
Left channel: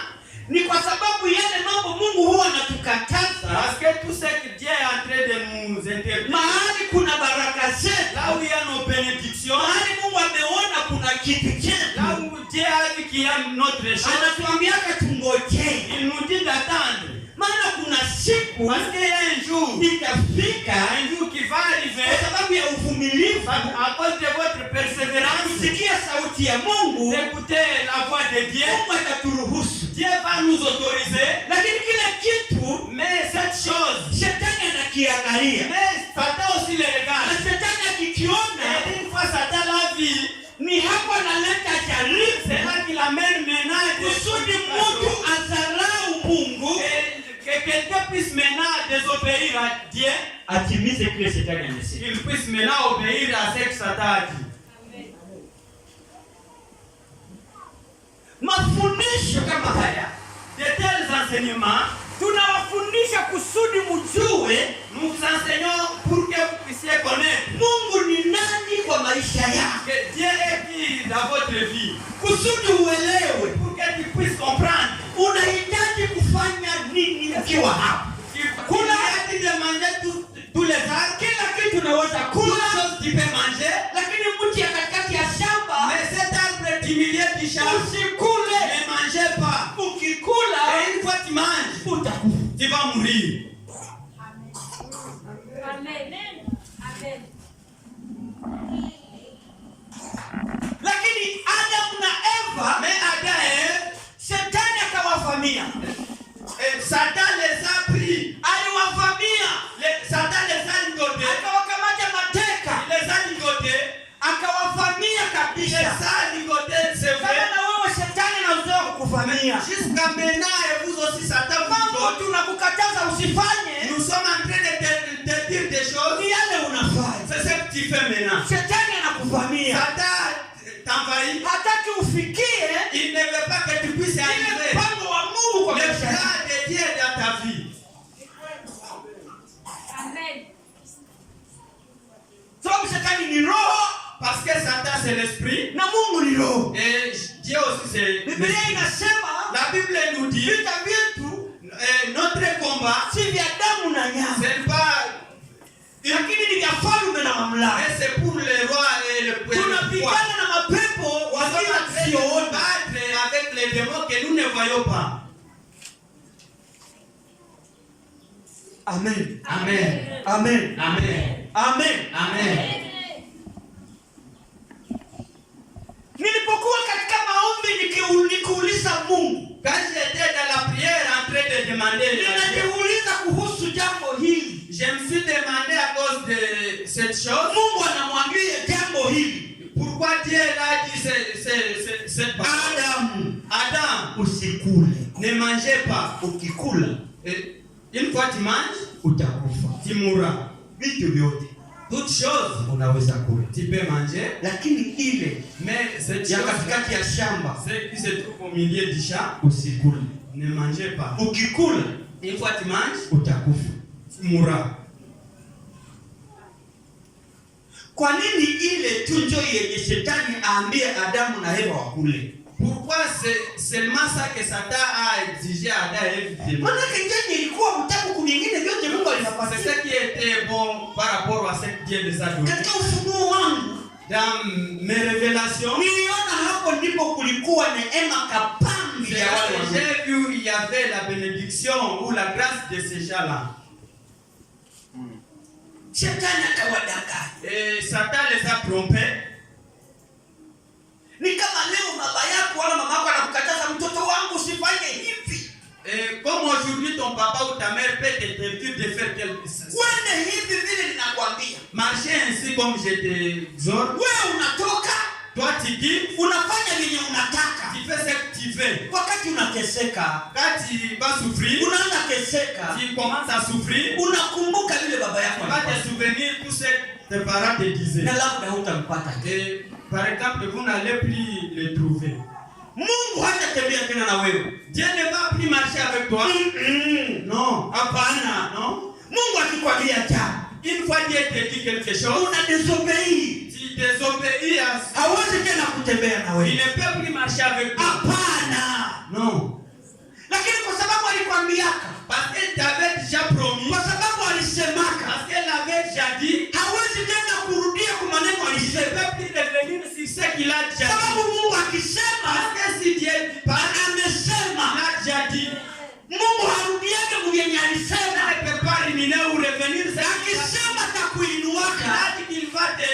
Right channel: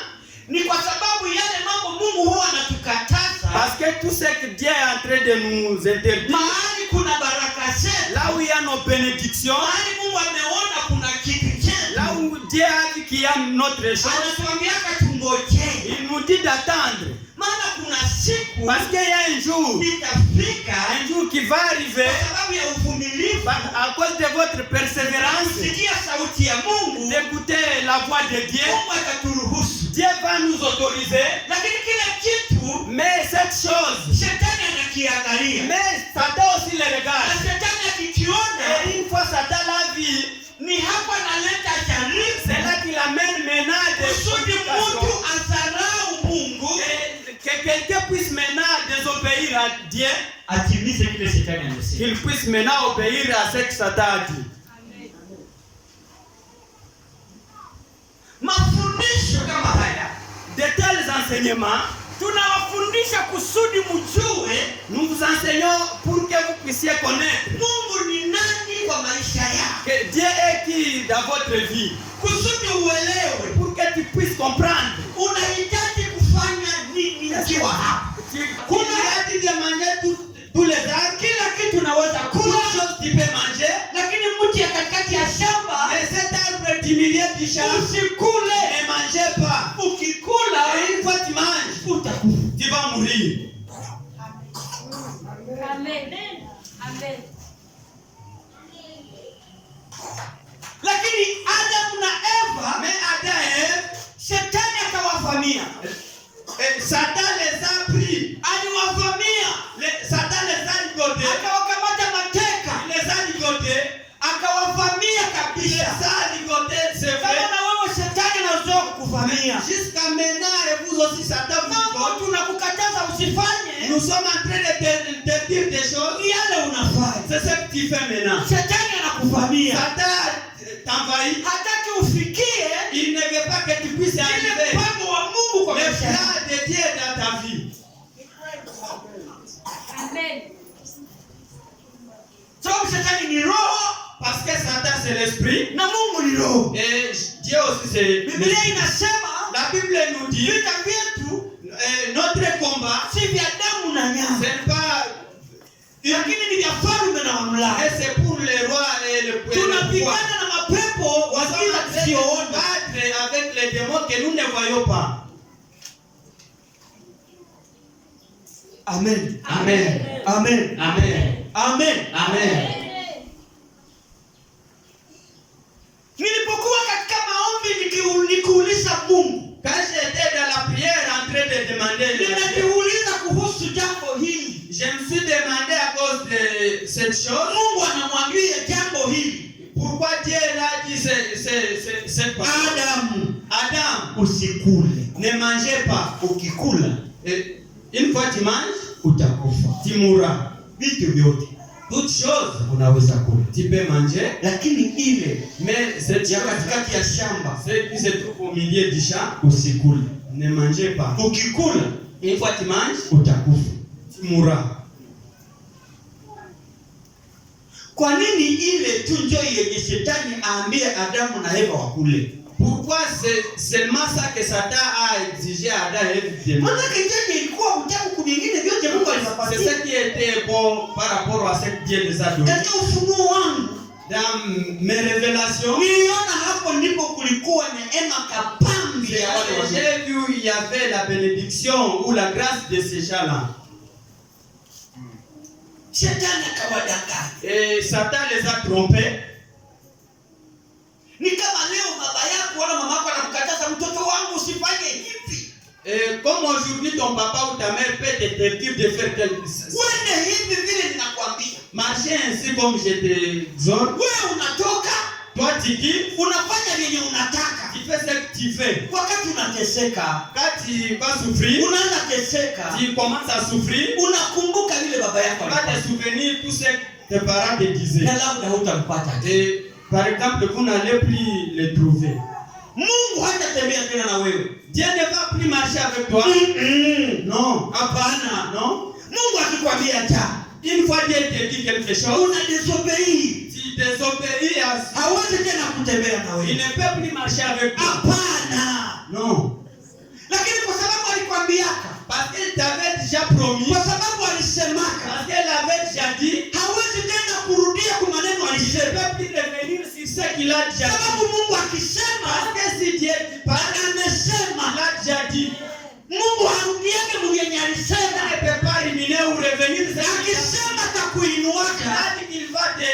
ni kwa sababu yale mambo Mungu huwa anatukataza. Parce que tout ce que Dieu est en train de nous interdire. Mahali kuna baraka zetu, là où il y a nos bénédictions, mahali Mungu ameona kuna kitu chetu, là où Dieu a dit qu'il y a notre chose, anatuambia tungojee. Il nous dit d'attendre. Maana kuna siku, parce qu'il y a un jour, itafika, un jour qui va arriver, kwa sababu ya uvumilivu, à cause de votre persévérance, kusikia sauti ya Mungu, d'écouter la voix de Dieu, Mungu ataturuhusu. Dieu va nous autoriser. Lakini kile kitu, mais cette chose, shetani anakiangalia, mais Satan aussi le regarde. Na shetani akikiona, et une fois Satan l'a vu, ni hapo analeta jaribu, c'est là qu'il amène menace kusudi mtu adharau Mungu, que quelqu'un puisse maintenant désobéir à Dieu, atimize kile shetani amesema, qu'il puisse maintenant obéir à ce que Satan a dit. Mafundisho kama haya, de tels enseignements, tunawafundisha kusudi mjue, nous vous enseignons pour que vous puissiez connaître Mungu ni nani kwa maisha yako, que Dieu est qui dans votre vie, kusudi uelewe, pour que tu puisses comprendre unahitaji kufanya nini ukiwa hapa. Kuna hadi de manger tous les jours, kila kitu unaweza kula, chose tu peux manger, lakini mti ya katikati ya shamba, mais cet arbre du milieu du champ, usikule, ne mangez pas. Ukikula, et une fois tu manges, utakufa, tu vas mourir. Amen. Amen. Lakini Adamu na aliwavamia. Satan les a pris. Aliwavamia. Satan les a ligotés. Akawakamata mateka. Il les a ligotés. Akawavamia Il kabisa. les a ligotés, c'est Kama vrai. na wewe shetani anazoea kukuvamia. Jusqu'à maintenant, et vous aussi, Satan vous Mambo ligote. tunakukataza usifanye. Nous sommes en train de te dire des choses. Ni yale unafanya. C'est ce que tu fais maintenant. Shetani anakuvamia. Satan t'envahit. Hataki ufikie Il ne veut pas que tu puisses ile arriver. mpango wa Mungu kwa Le maisha yako. plan de Dieu dans ta vie. Amen. Sababu shetani ni roho Parce que Satan c'est l'esprit. na Mungu ni roho. Et Dieu aussi c'est Biblia l'esprit. inasema La Bible nous dit vita vyetu notre combat, si vya damu na ce nyama, n'est pas lakini ni vya falme na mamlaka. mais c'est pour le roi et le pouvoir. Tunapigana na mapepo wa giza tusioona. Battre avec les démons que nous ne voyons pas. Amen. Amen. Amen. Amen. Amen. Amen. Nilipokuwa katika maombi nikiuliza Mungu, Quand j'étais dans la prière en train de demander à Dieu, ninajiuliza kuhusu jambo hili. je me suis demandé à cause de cette chose, Mungu anamwambia jambo hili, pourquoi Dieu l'a dit cette parole. Adam, usikule. ne mangez pas. Ukikula Et une fois tu manges, utakufa. tu mourras. Vitu vyote Toutes choses, unaweza kula, tu peux manger, lakini ile mais cette ya chose, katikati ya shamba ce qui se trouve au milieu du champ, usikule. ne mangez pas. Ukikula Une fois tu manges, utakufa. tu mourras. Kwa nini ile tu ndio yenye shetani aambie Adamu na Eva wakule? Pourquoi c'est seulement ça que Satan a exigé à Adam et Ève de manger? Maana kenyeji ilikuwa mtamu kuvingine vyote Mungu C'est alivipatia. ce qui était bon par rapport à ce que Dieu les a donné. Katika ufunuo wangu Dans mes révélations, niliona hapo ndipo kulikuwa neema kapambi c'est ya là wale que wazee. j'ai vu il y avait la bénédiction ou la grâce de ces gens-là. Shetani akawadanganya. Et Satan les a trompés. Ni kama leo baba yako wala mama yako anakukataza, mtoto wangu usifanye hivi. Et comme aujourd'hui ton papa ou ta mère peut t'interdire de faire quelque chose. Uende hivi vile ninakwambia. Marcher ainsi comme je t'exhorte. Wewe unatoka, Toi tu quittes, unafanya yenye unataka. tu fais ce que tu veux. Wakati unateseka, Quand tu vas souffrir, unaanza teseka, tu commences à souffrir. unakumbuka vile baba yako Tu vas alifanya. te souvenir tout ce que tes parents te disaient. Na labda hutampata. Et par exemple, vous n'allez plus les trouver. Mungu hatatembea tena na wewe. Dieu ne va plus marcher avec toi. Non. Hapana. Non. Mungu akikwambia cha, Une fois Dieu te dit quelque chose, una disobey. tu désobéis à ça. Hawezi tena kutembea na Il wewe. ne peut plus marcher avec toi. Hapana. Non. Lakini kwa sababu alikwambiaka, Parce qu'il t'avait déjà promis. kwa sababu alisemaka, Parce qu'elle avait déjà dit. hawezi tena kurudia kwa maneno Il ne alisema. peut plus revenir sur ce qu'il a déjà dit. Sababu Mungu akisema, Parce que si Dieu dit pas, amesema. il a déjà dit. Mungu harudiake mwenye alisema. Il ne peut pas ruminer ou revenir sur ce qu'il a dit. Akisema atakuinuaka, Il a dit qu'il va te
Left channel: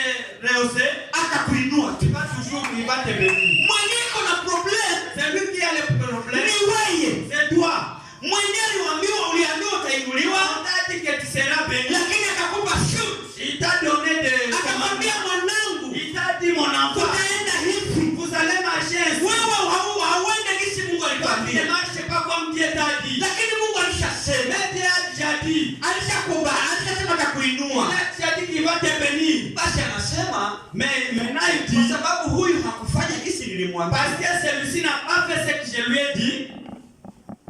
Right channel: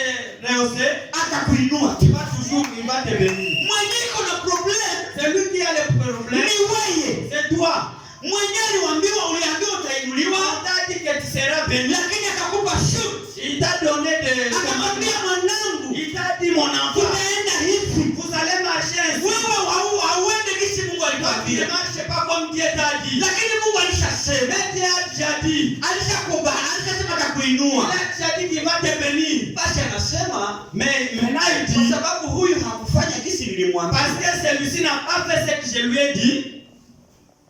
rehausser. atakuinua. Tu vas toujours, il va te bénir. Mwenye iko na problem C'est lui qui a le problème. ni wewe. C'est toi. Mwenye uliambiwa utainuliwa, On t'a dit que tu seras béni. lakini akakupa shoot. Il t'a donné des Akamwambia commandements. mwanangu, Il t'a dit, mon enfant, utaenda hivi. vous allez marcher ainsi. Wewe hauende kisi Mungu Toi, tu ne alikwambia. marches pas comme Dieu t'a dit. Lakini Mungu alishasema. Mais Dieu a déjà dit. Alishakubali, alishasema Il atakuinua. a déjà dit qu'il va te bénir. Basi anasema Mais maintenant il kwa dit, sababu huyu hakufanya kisi nilimwambia. parce que celui-ci n'a pas fait ce que je lui ai dit,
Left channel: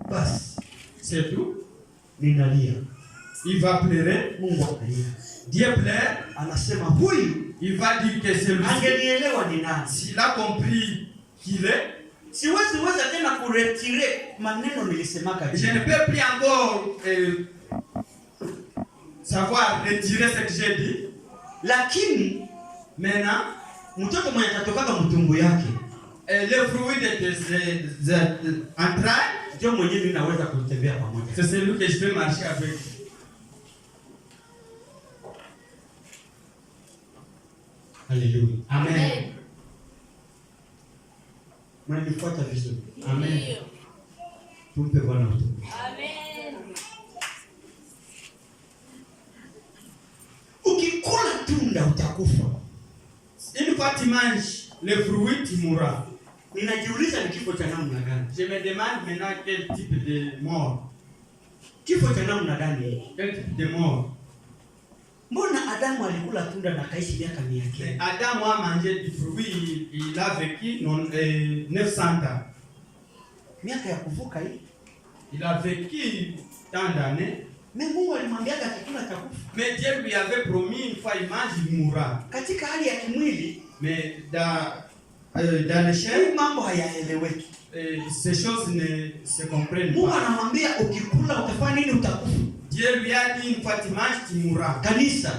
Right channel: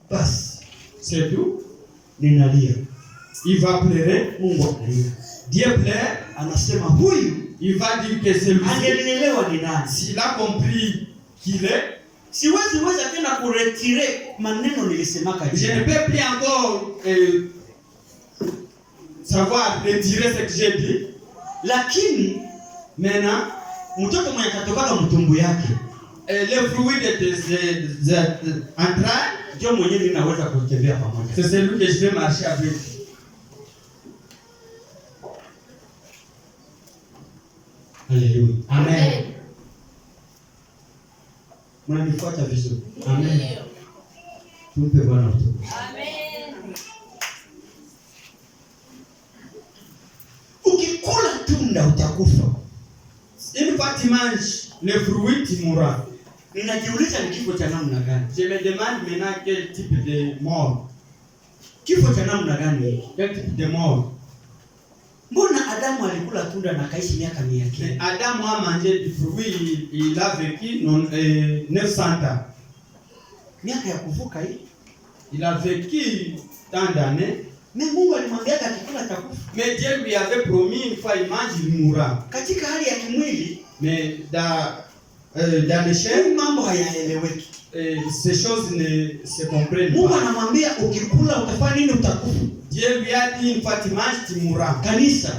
Basi c'est tout. ninalia. Il va pleurer. Mungu analia. Dieu pleure. Anasema huyu Il va dire que celui-ci, angenielewa ni nani. s'il a compris qu'il est, Siwezi weza tena kuretire maneno nilisemaka je ne jana. peux plus encore savoir retirer ce que j'ai dit. Lakini Maintenant, mtoto mwenye atatokana mtumbu yake le fruit de tes entrailles, ndio mwenyewe ninaweza kutembea pamoja. c'est celui que je vais marcher avec. Haleluya. Amen. Mnanifuata vizuri? Amen. Tumpe Bwana utukufu. Amen. Ukikula tunda utakufa. Une fois tu manges le fruit, tu mourras. Ninajiuliza ni kifo cha namna gani? Je me demande maintenant quel type de mort. Kifo cha namna gani hiki? Quel type de mort? Mbona Adamu alikula tunda na kaishi miaka 100? Adam a mangé du fruit, il a vécu 900 ans. Miaka ya kuvuka hii. Il a vécu tant d'années. Mais Mungu alimwambia akikula atakufa. Mais Dieu lui avait promis une fois il mange, il mourra. Katika hali ya kimwili, Mais dans le chair, mambo hayaeleweki. ces choses ne se comprennent Mungu pas. anamwambia ukikula utafanya nini? Utakufa. Dieu lui a dit une fois tu manges, tu mourras. Kanisa,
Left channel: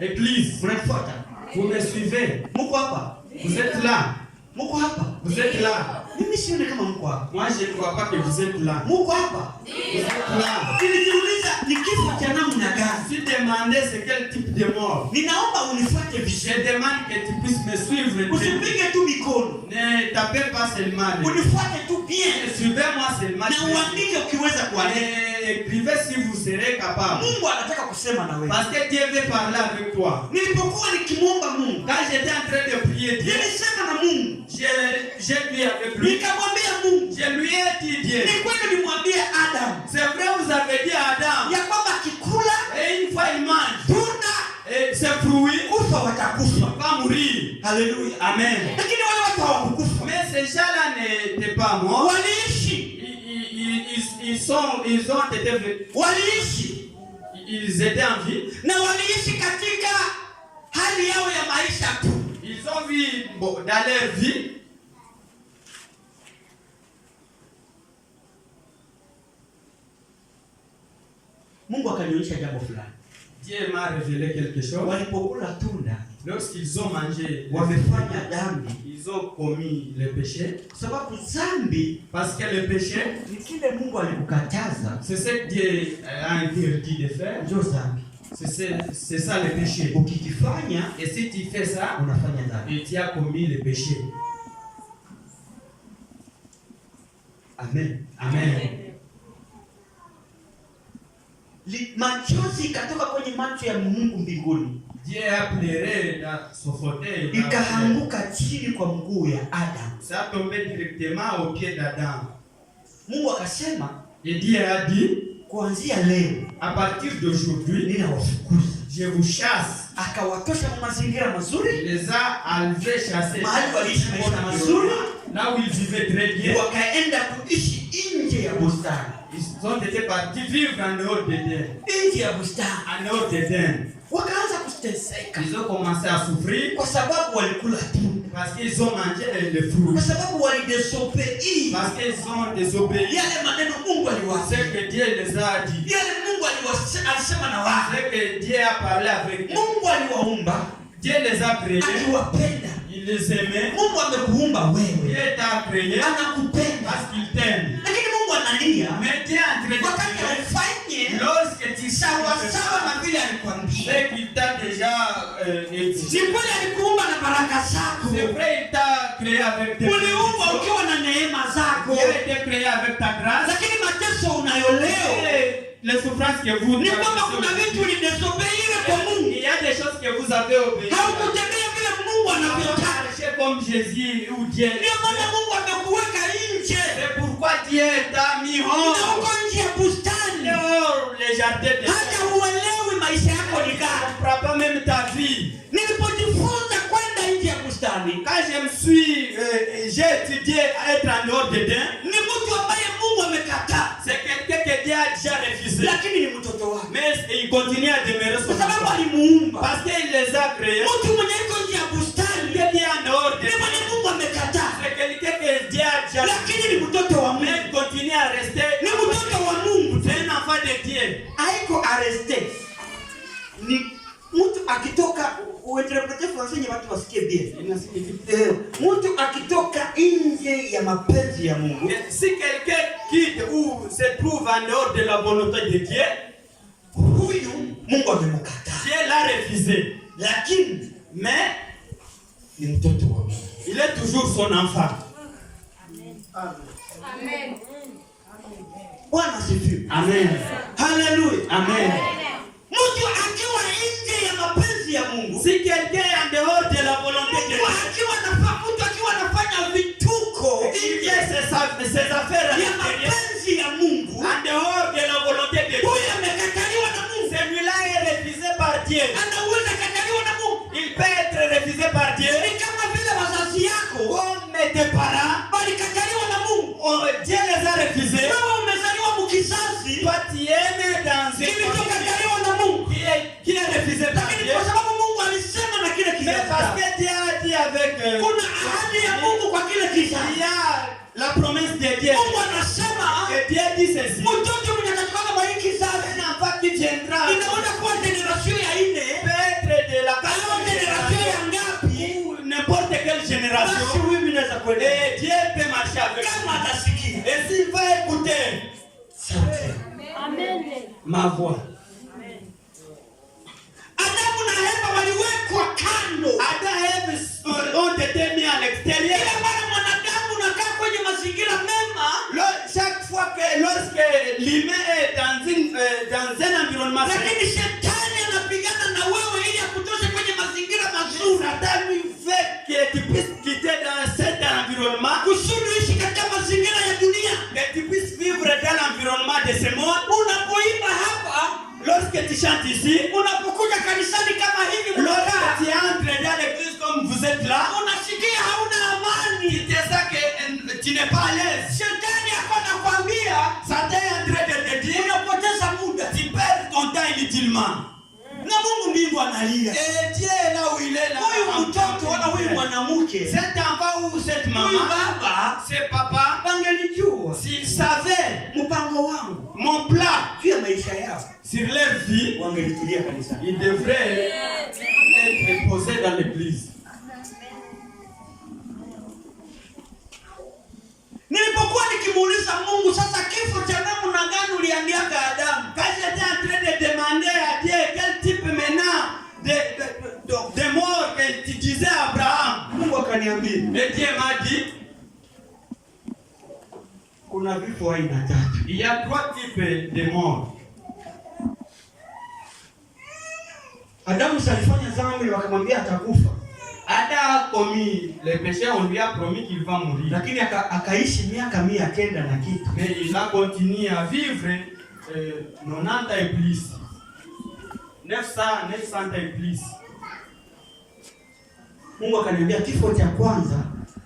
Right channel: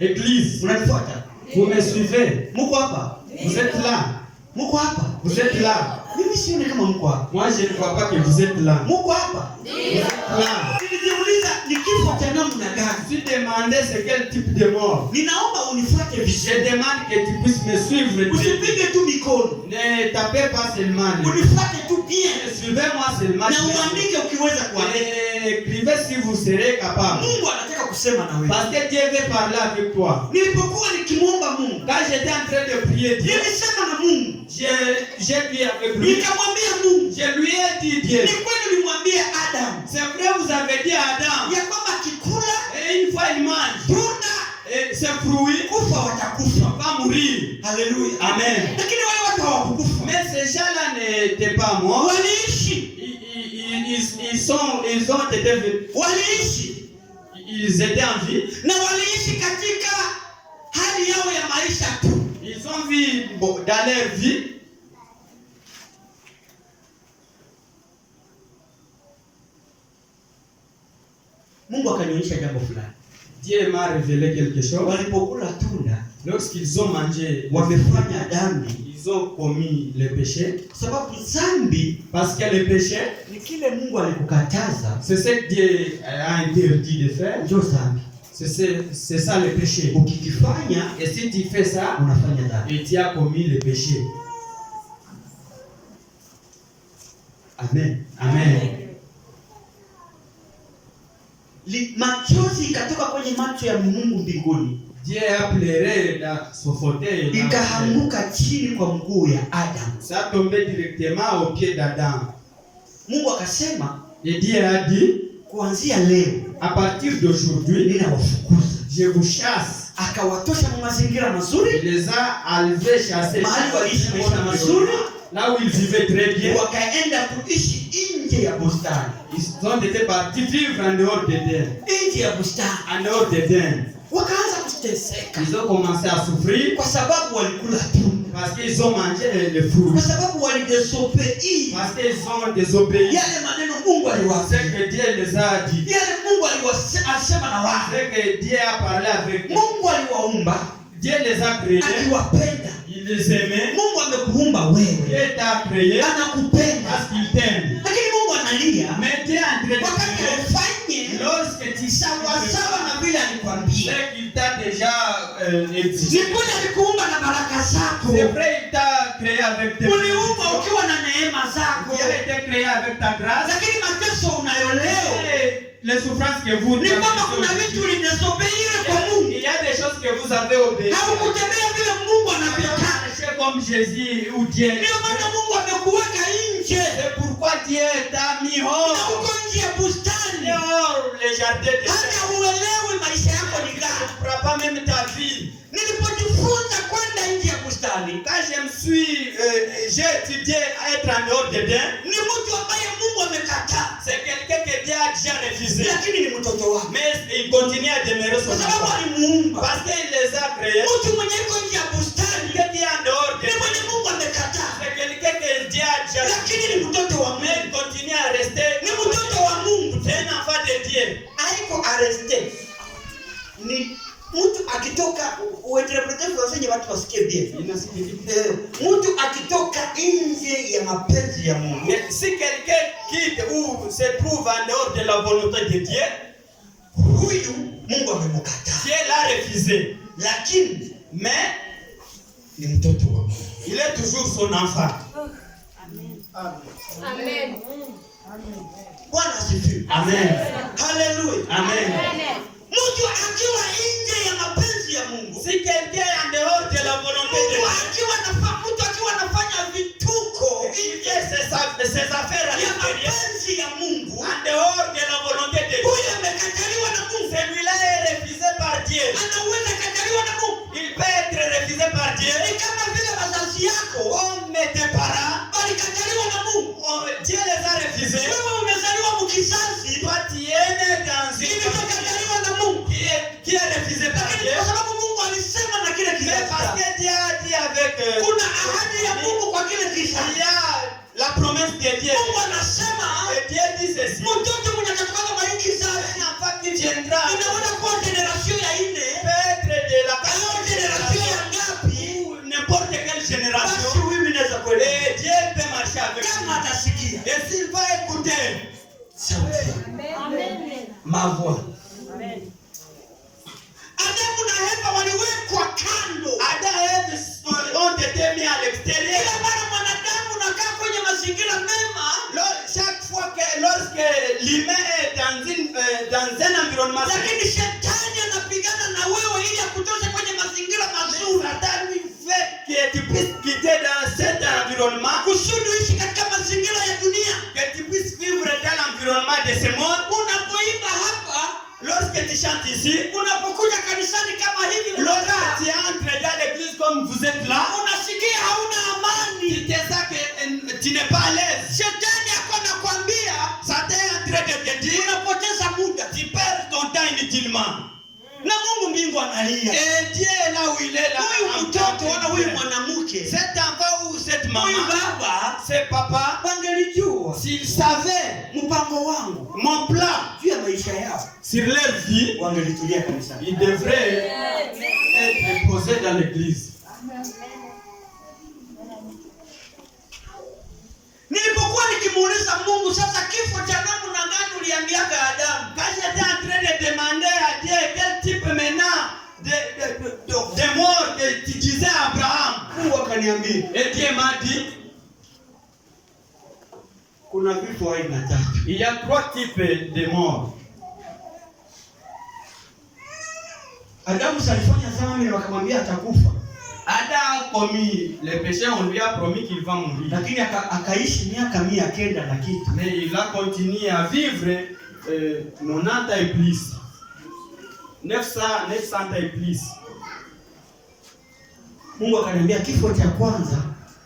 Église, unanifuata? vous me suivez? Mko hapa? Vous êtes là? Mko hapa? Vous êtes là? Mimi sione kama mko hapa. Moi je ne vois pas que vous êtes là. Mko hapa? Vous êtes là. Nilijiuliza ni kifo cha namna gani? Si demandez c'est quel type de mort. Ninaomba unifuate Je vizuri. demande que tu puisses me suivre. Usipige tu mikono. Ne tapez pas seulement. Unifuate tu bien. Suivez-moi seulement. Na uandike ukiweza kuandika. Écrivez si vous serez capable. Mungu anataka kusema na wewe. Parce que Dieu veut parler avec toi. Nilipokuwa nikimwomba Mungu, Quand j'étais en train de prier Dieu, nilisema na Mungu. j'ai prié avec lui. Nikamwambia Mungu, Je lui ai dit Dieu. ni kweli nimwambie Adam C'est vrai vous avez dit à Adam. ya kwamba akikula Et une fois il mange. tunda Et ses fruits kufa watakufa. va mourir. Haleluya. Amen. Lakini wale watu hawakukufa. Mais ces gens-là n'étaient pas morts. Waliishi. Ils ont été, Waliishi. ils étaient en vie. Na waliishi katika hali yao ya maisha tu. Ils ont vu dans leur vie. Mungu akanionyesha jambo fulani. Dieu m'a révélé quelque chose. Walipokula tunda, Lorsqu'ils ont mangé, wamefanya dhambi. ils ont commis le péché. Kwa sababu dhambi Parce que le péché, ni kile Mungu alikukataza, c'est ce que Dieu a interdit de faire. ndio dhambi. C'est ça le péché. Ukikifanya Et si tu fais ça, unafanya dhambi. et tu as commis le péché. Amen. Amen. Machozi ikatoka kwenye macho ya Mungu mbinguni, Dieu a pleuré dans son fauteuil. ikaanguka chini kwa mguu ya Adam. Ça a tombé directement au pied d'Adam. Mungu akasema, Et Dieu a dit, kuanzia leo à partir d'aujourd'hui, ninawafukuza. je vous chasse. Akawatosha kwa mazingira mazuri, Il les a enlevés, chassés. mahali waliishi maisha mazuri, Là où ils vivaient très bien. wakaenda kuishi nje ya bustani. Ils ont été partis vivre en dehors d'Éden. Nje ya bustani En dehors d'Éden. wakaanza kuteseka Ils ont commencé à souffrir kwa sababu walikula tunda, parce qu'ils ont mangé les fruits. kwa sababu walidesobei Parce qu'ils ont désobéi. yale maneno Mungu C'est aliwaambia, que Dieu les a dit. yale Mungu alisema na wao. C'est que Dieu a parlé avec eux. Mungu aliwaumba Dieu les a créés. akiwapenda. Il les aimait. Mungu amekuumba Dieu wewe, t'a créé anakupenda, parce qu'il t'aime. lakini Mungu analia Mais Dieu est en train de wakati créer. ufanye Lorsque tu sawasawa na vile alikwambia. c'est qu'il t'a déjà Ni exigé. kweli alikuumba na baraka zako, C'est vrai, il t'a créé avec tes uliumba ukiwa na neema zako, Il a été créé avec ta grâce. lakini mateso unayoleo Et les souffrances que vous ni kwamba kuna vitu ulidesobeire kwa Mungu, il y a des choses que vous avez obéies. haukutembea vile Mungu anavyotaka. Marchez comme Jésus ou Dieu. Ndio maana Mungu amekuweka nje C'est pourquoi Dieu t'a mis na hors. uko nje ya bustani, Dehors les jardins de hata Dieu. huelewi maisha yako ni Tu ne gani. comprends pas même ta vie. Nilipojifunza kwenda nje ya bustani, Quand j'ai étudié à être en dehors d'Éden, ni mtu ambaye Mungu amekataa, c'est quelqu'un que Dieu a déjà refusé. lakini ni mtoto wake, Mais il continue à demeurer son kwa sababu enfant. alimuumba. Parce qu'il les a créés. Mtu mwenye iko nje ya bustani Quelqu'un en dehors ni d'Éden. mwenye Mungu amekataa, C'est quelqu'un que Dieu a déjà refusé. lakini ni mtoto wa Mais Mungu, il continue à rester. ni mtoto wa Mungu. C'est un enfant de Dieu. Haiko arreste, ni mtu akitoka, uinterprete wenye watu wasikie bien. Mtu akitoka nje ya mapenzi ya Mungu, Mais si quelqu'un quitte ou se trouve en dehors de la volonté de Dieu, huyu Mungu amemkataa, Dieu l'a refusé. lakini Mais ni mtoto wa Mungu. il est toujours son enfant. Amen. asifiwe. Amen. Haleluya. Amen. Mtu akiwa nje ya mapenzi ya Mungu, Si quelqu'un est en dehors de la volonté de Dieu, mtu akiwa anafanya vituko il fait ses affaires à ya l'intérieur, mapenzi ya Mungu, en dehors de la volonté de Dieu, huyo amekataliwa na Mungu. celui-là est refusé par Dieu. Anaweza kataliwa na Mungu. Il peut être refusé par Dieu. Ni kama vile wazazi yako Comme tes parents, walikataliwa na Mungu. Dieu les a refusés. Wewe umezaliwa mkizazi Toi, tu es né dans une kilichokataliwa na Mungu, qui est refusé par lakini Dieu. kwa sababu Mungu alisema na kile Mais parce kizazi, que Dieu a dit avec kuna ahadi ya Mungu kwa kile il kizazi. y a la promesse de Dieu. Mungu anasema Et Dieu dit ceci. mtoto mwenye atatokana kwa hiki kizazi Un enfant qui viendra inaweza kuwa generation ya nne peut être de la au generation ya ngapi, ou n'importe quelle basi génération. huyu inaweza kuelewa Et Dieu peut marcher avec kama lui. atasikia Et s'il va écouter sauti yangu. ma voix. Adamu na Eva waliwekwa kando. Adam et Ève ont été mis à l'extérieur. Kila mara mwanadamu unakaa kwenye mazingira mema, Chaque fois que lorsque l'humain est dans un environnement sain, lakini shetani anapigana na wewe ili akutoshe kwenye mazingira mazuri, Satan lui fait que tu puisses quitter dans cet environnement, kusudi uishi katika mazingira ya dunia. que tu puisses vivre dans l'environnement de ce monde. Unapoimba hapa, Lorsque tu chantes ici, unapokuja kanisani kama hivi, lorsque unakaa tu entres dans l'église comme vous êtes là, unasikia hauna amani. tu te sens que tu n'es pas à l'aise. Shetani ako nakwambia Satan est en train de te dire, unapoteza muda, tu perds ton temps inutilement. na Mungu mbingu analia. Et Dieu est là où il est là. Huyu mtoto wala huyu mwanamke, Cet enfant ou cette huyu maman, baba c'est papa, wangelijua s'il savait mpango wangu mon plan juu ya maisha yao, sur leur vie, wangelitulia kanisani. il devrait être posé dans l'église. Nilipokuwa nikimuuliza Mungu, sasa kifo cha namna gani uliambiaka Adamu? Quand j'étais en train de demander à Dieu quel type maintenant de mort que tu disais à Abraham, Mungu akaniambia et Dieu m'a dit, kuna vifo aina tatu. il y a 3 types de morts. Adamu alifanya dhambi na wakamwambia atakufa, Adam a commis le péché, on lui a promis qu'il va mourir. lakini akaishi miaka 100 na kitu. Mais il a continué à vivre 90 et plus. 900 et plus. Mungu akaniambia kifo cha kwanza,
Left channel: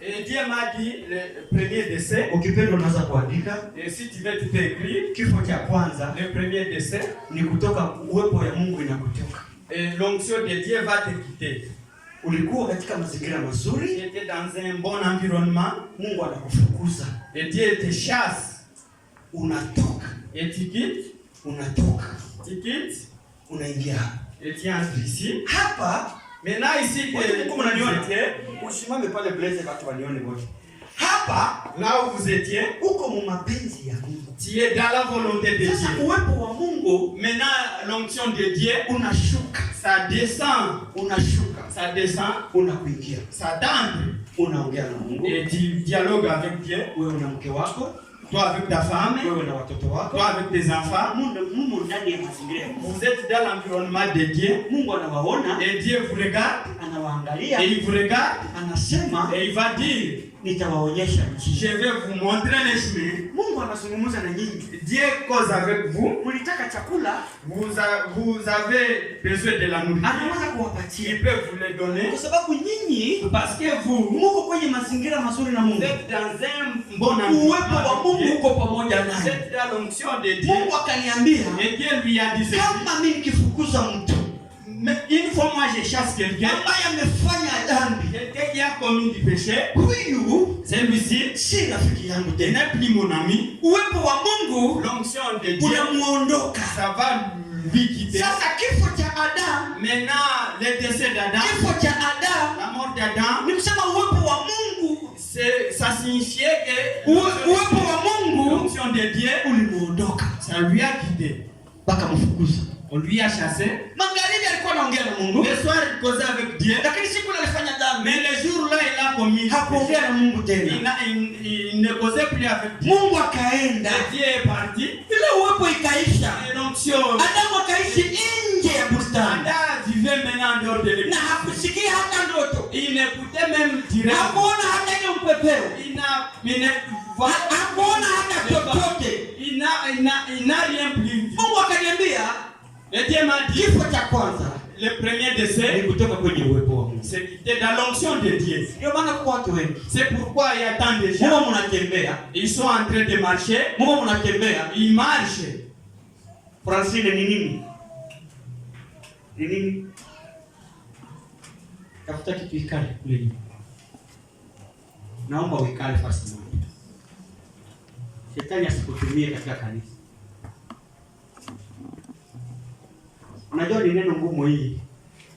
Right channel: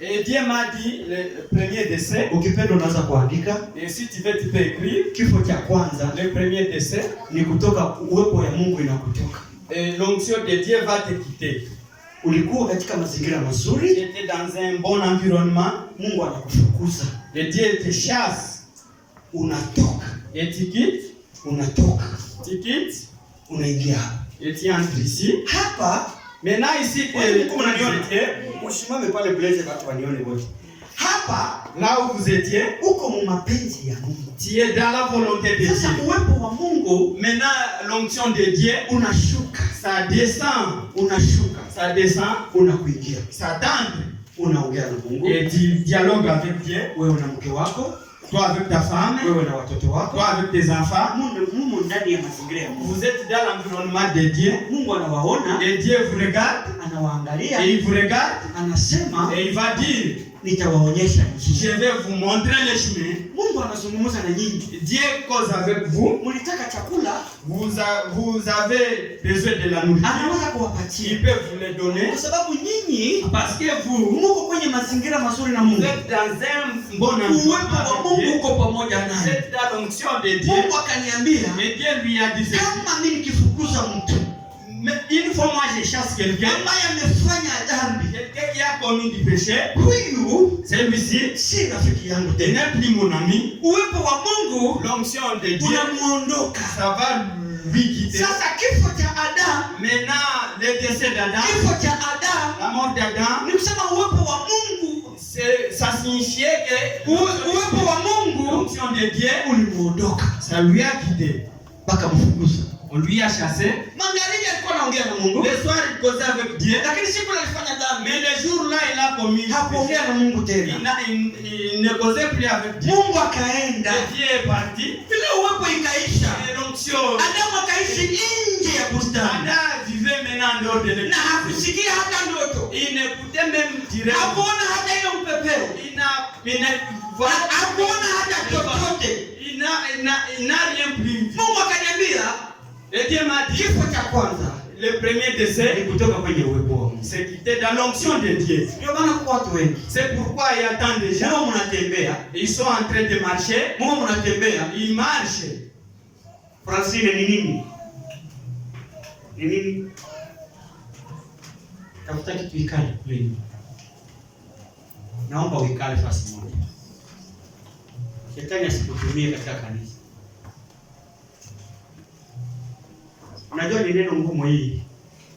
Et Dieu m'a dit, le premier décès, ukipenda unaweza kuandika, et si tu veux, tu peux écrire, kifo cha kwanza le premier décès, ni kutoka uwepo ya Mungu inakutoka. et l'onction de Dieu va te quitter. Ulikuwa katika mazingira Tu mazuri, étais dans un bon environnement, Mungu anakufukuza, et Dieu te chasse, unatoka, et tu quittes, unaingia hapa. et tu entres ici. Hapa Maintenant ici, Mungu mnaniona? vous étiez, usimame pale blaze watu wanione wote. Hapa là où vous étiez, uko mu mapenzi ya Mungu. tu es dans la volonté de Sasa Dieu. uwepo wa Mungu Maintenant, l'onction de Dieu, unashuka, ça descend, unakuingia, ça t'entre, unaongea na Mungu, et tu dialogues avec Dieu, wewe na mke wako, toi avec ta femme, wewe na watoto wako, toi avec tes enfants. Mungu ndani ya mazingira ya Mungu. Vous êtes dans l'environnement de Dieu, Mungu anawaona, et Dieu vous regarde, anawaangalia, et il vous regarde, anasema et il va dire, nitawaonyesha njia. je vais vous montrer le chemin. Mungu anazungumza na nyinyi. Dieu cause avec vous, Mlitaka chakula, vous avez besoin de la nourriture, anaweza kuwapatia. il peut vous le donner, Kwa sababu nyinyi parce que vous muko kwenye mazingira mazuri na Mungu. êtes dans un bon Uwepo wa environnement Mungu avec Dieu. uko pamoja Vous naye. êtes dans l'onction de Dieu, Mungu akaniambia, et Dieu lui a dit ceci. kama mimi nikifukuza mtu Mais une fois moi je chasse quelqu'un, ambaye amefanya dhambi, quelqu'un qui a commis du péché, huyu celui-ci, si rafiki yangu il tena. n'est plus mon ami. Uwepo wa Mungu L'onction de Dieu, unamuondoka. ça va lui quitter. Sasa kifo cha Adamu, Maintenant, le décès d'Adam, kifo cha Adamu la mort d'Adam, ni kusema uwepo wa Mungu, ça signifiait que uwepo wa Mungu l'onction de Dieu, ulimuondoka ça lui a quitté. mpaka mfukuza. On lui a chassé. Magharibi alikuwa anaongea na Mungu, Le soir, il causait avec Dieu. lakini siku ile alifanya dhambi. Mais le jour là il a commis. Hakuongea na Mungu tena. Il ne causait plus avec Dieu. Mungu akaenda. Et Dieu est parti. Ile uwepo ikaisha. Et donc Adamu akaishi nje ya bustani. Adam vivait maintenant en dehors de l'église. Na hakusikia hata ndoto. Il n'écoutait même dire. Hakuona hata hiyo mpepeo. Hakuona hata chochote. Il n'a rien pris. Mungu akaniambia, et Dieu m'a dit, kifo cha kwanza, le premier décès, ni kutoka kwenye uwepo wa Mungu. c'était dans l'onction de Dieu. Ndio maana kwa watu wengi. C'est pourquoi il y a tant de gens. Mungu mnatembea. Ils sont en train de marcher. Mungu mnatembea. Ils marchent. Francine ni nini? Ni nini? Tafuta kitu ikale kule. Naomba uikale fasi moja. Shetani asikutumie katika kanisa. Unajua ni neno ngumu hii.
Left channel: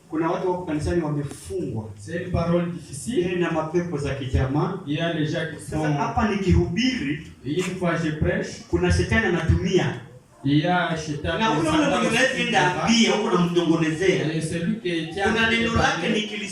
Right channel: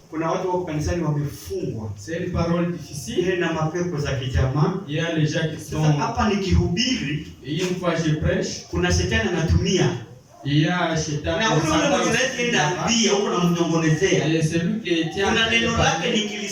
Kuna watu wako kanisani wamefungwa. C'est une parole difficile. Na mapepo za kijamaa. Il y a les gens qui sont. Hapa nikihubiri, Une fois je prêche, kuna shetani anatumia. il y a Shetani. Na ule mwenye unaenda huko na mdongonezea. Et celui qui tient. Kuna neno lake nikilisema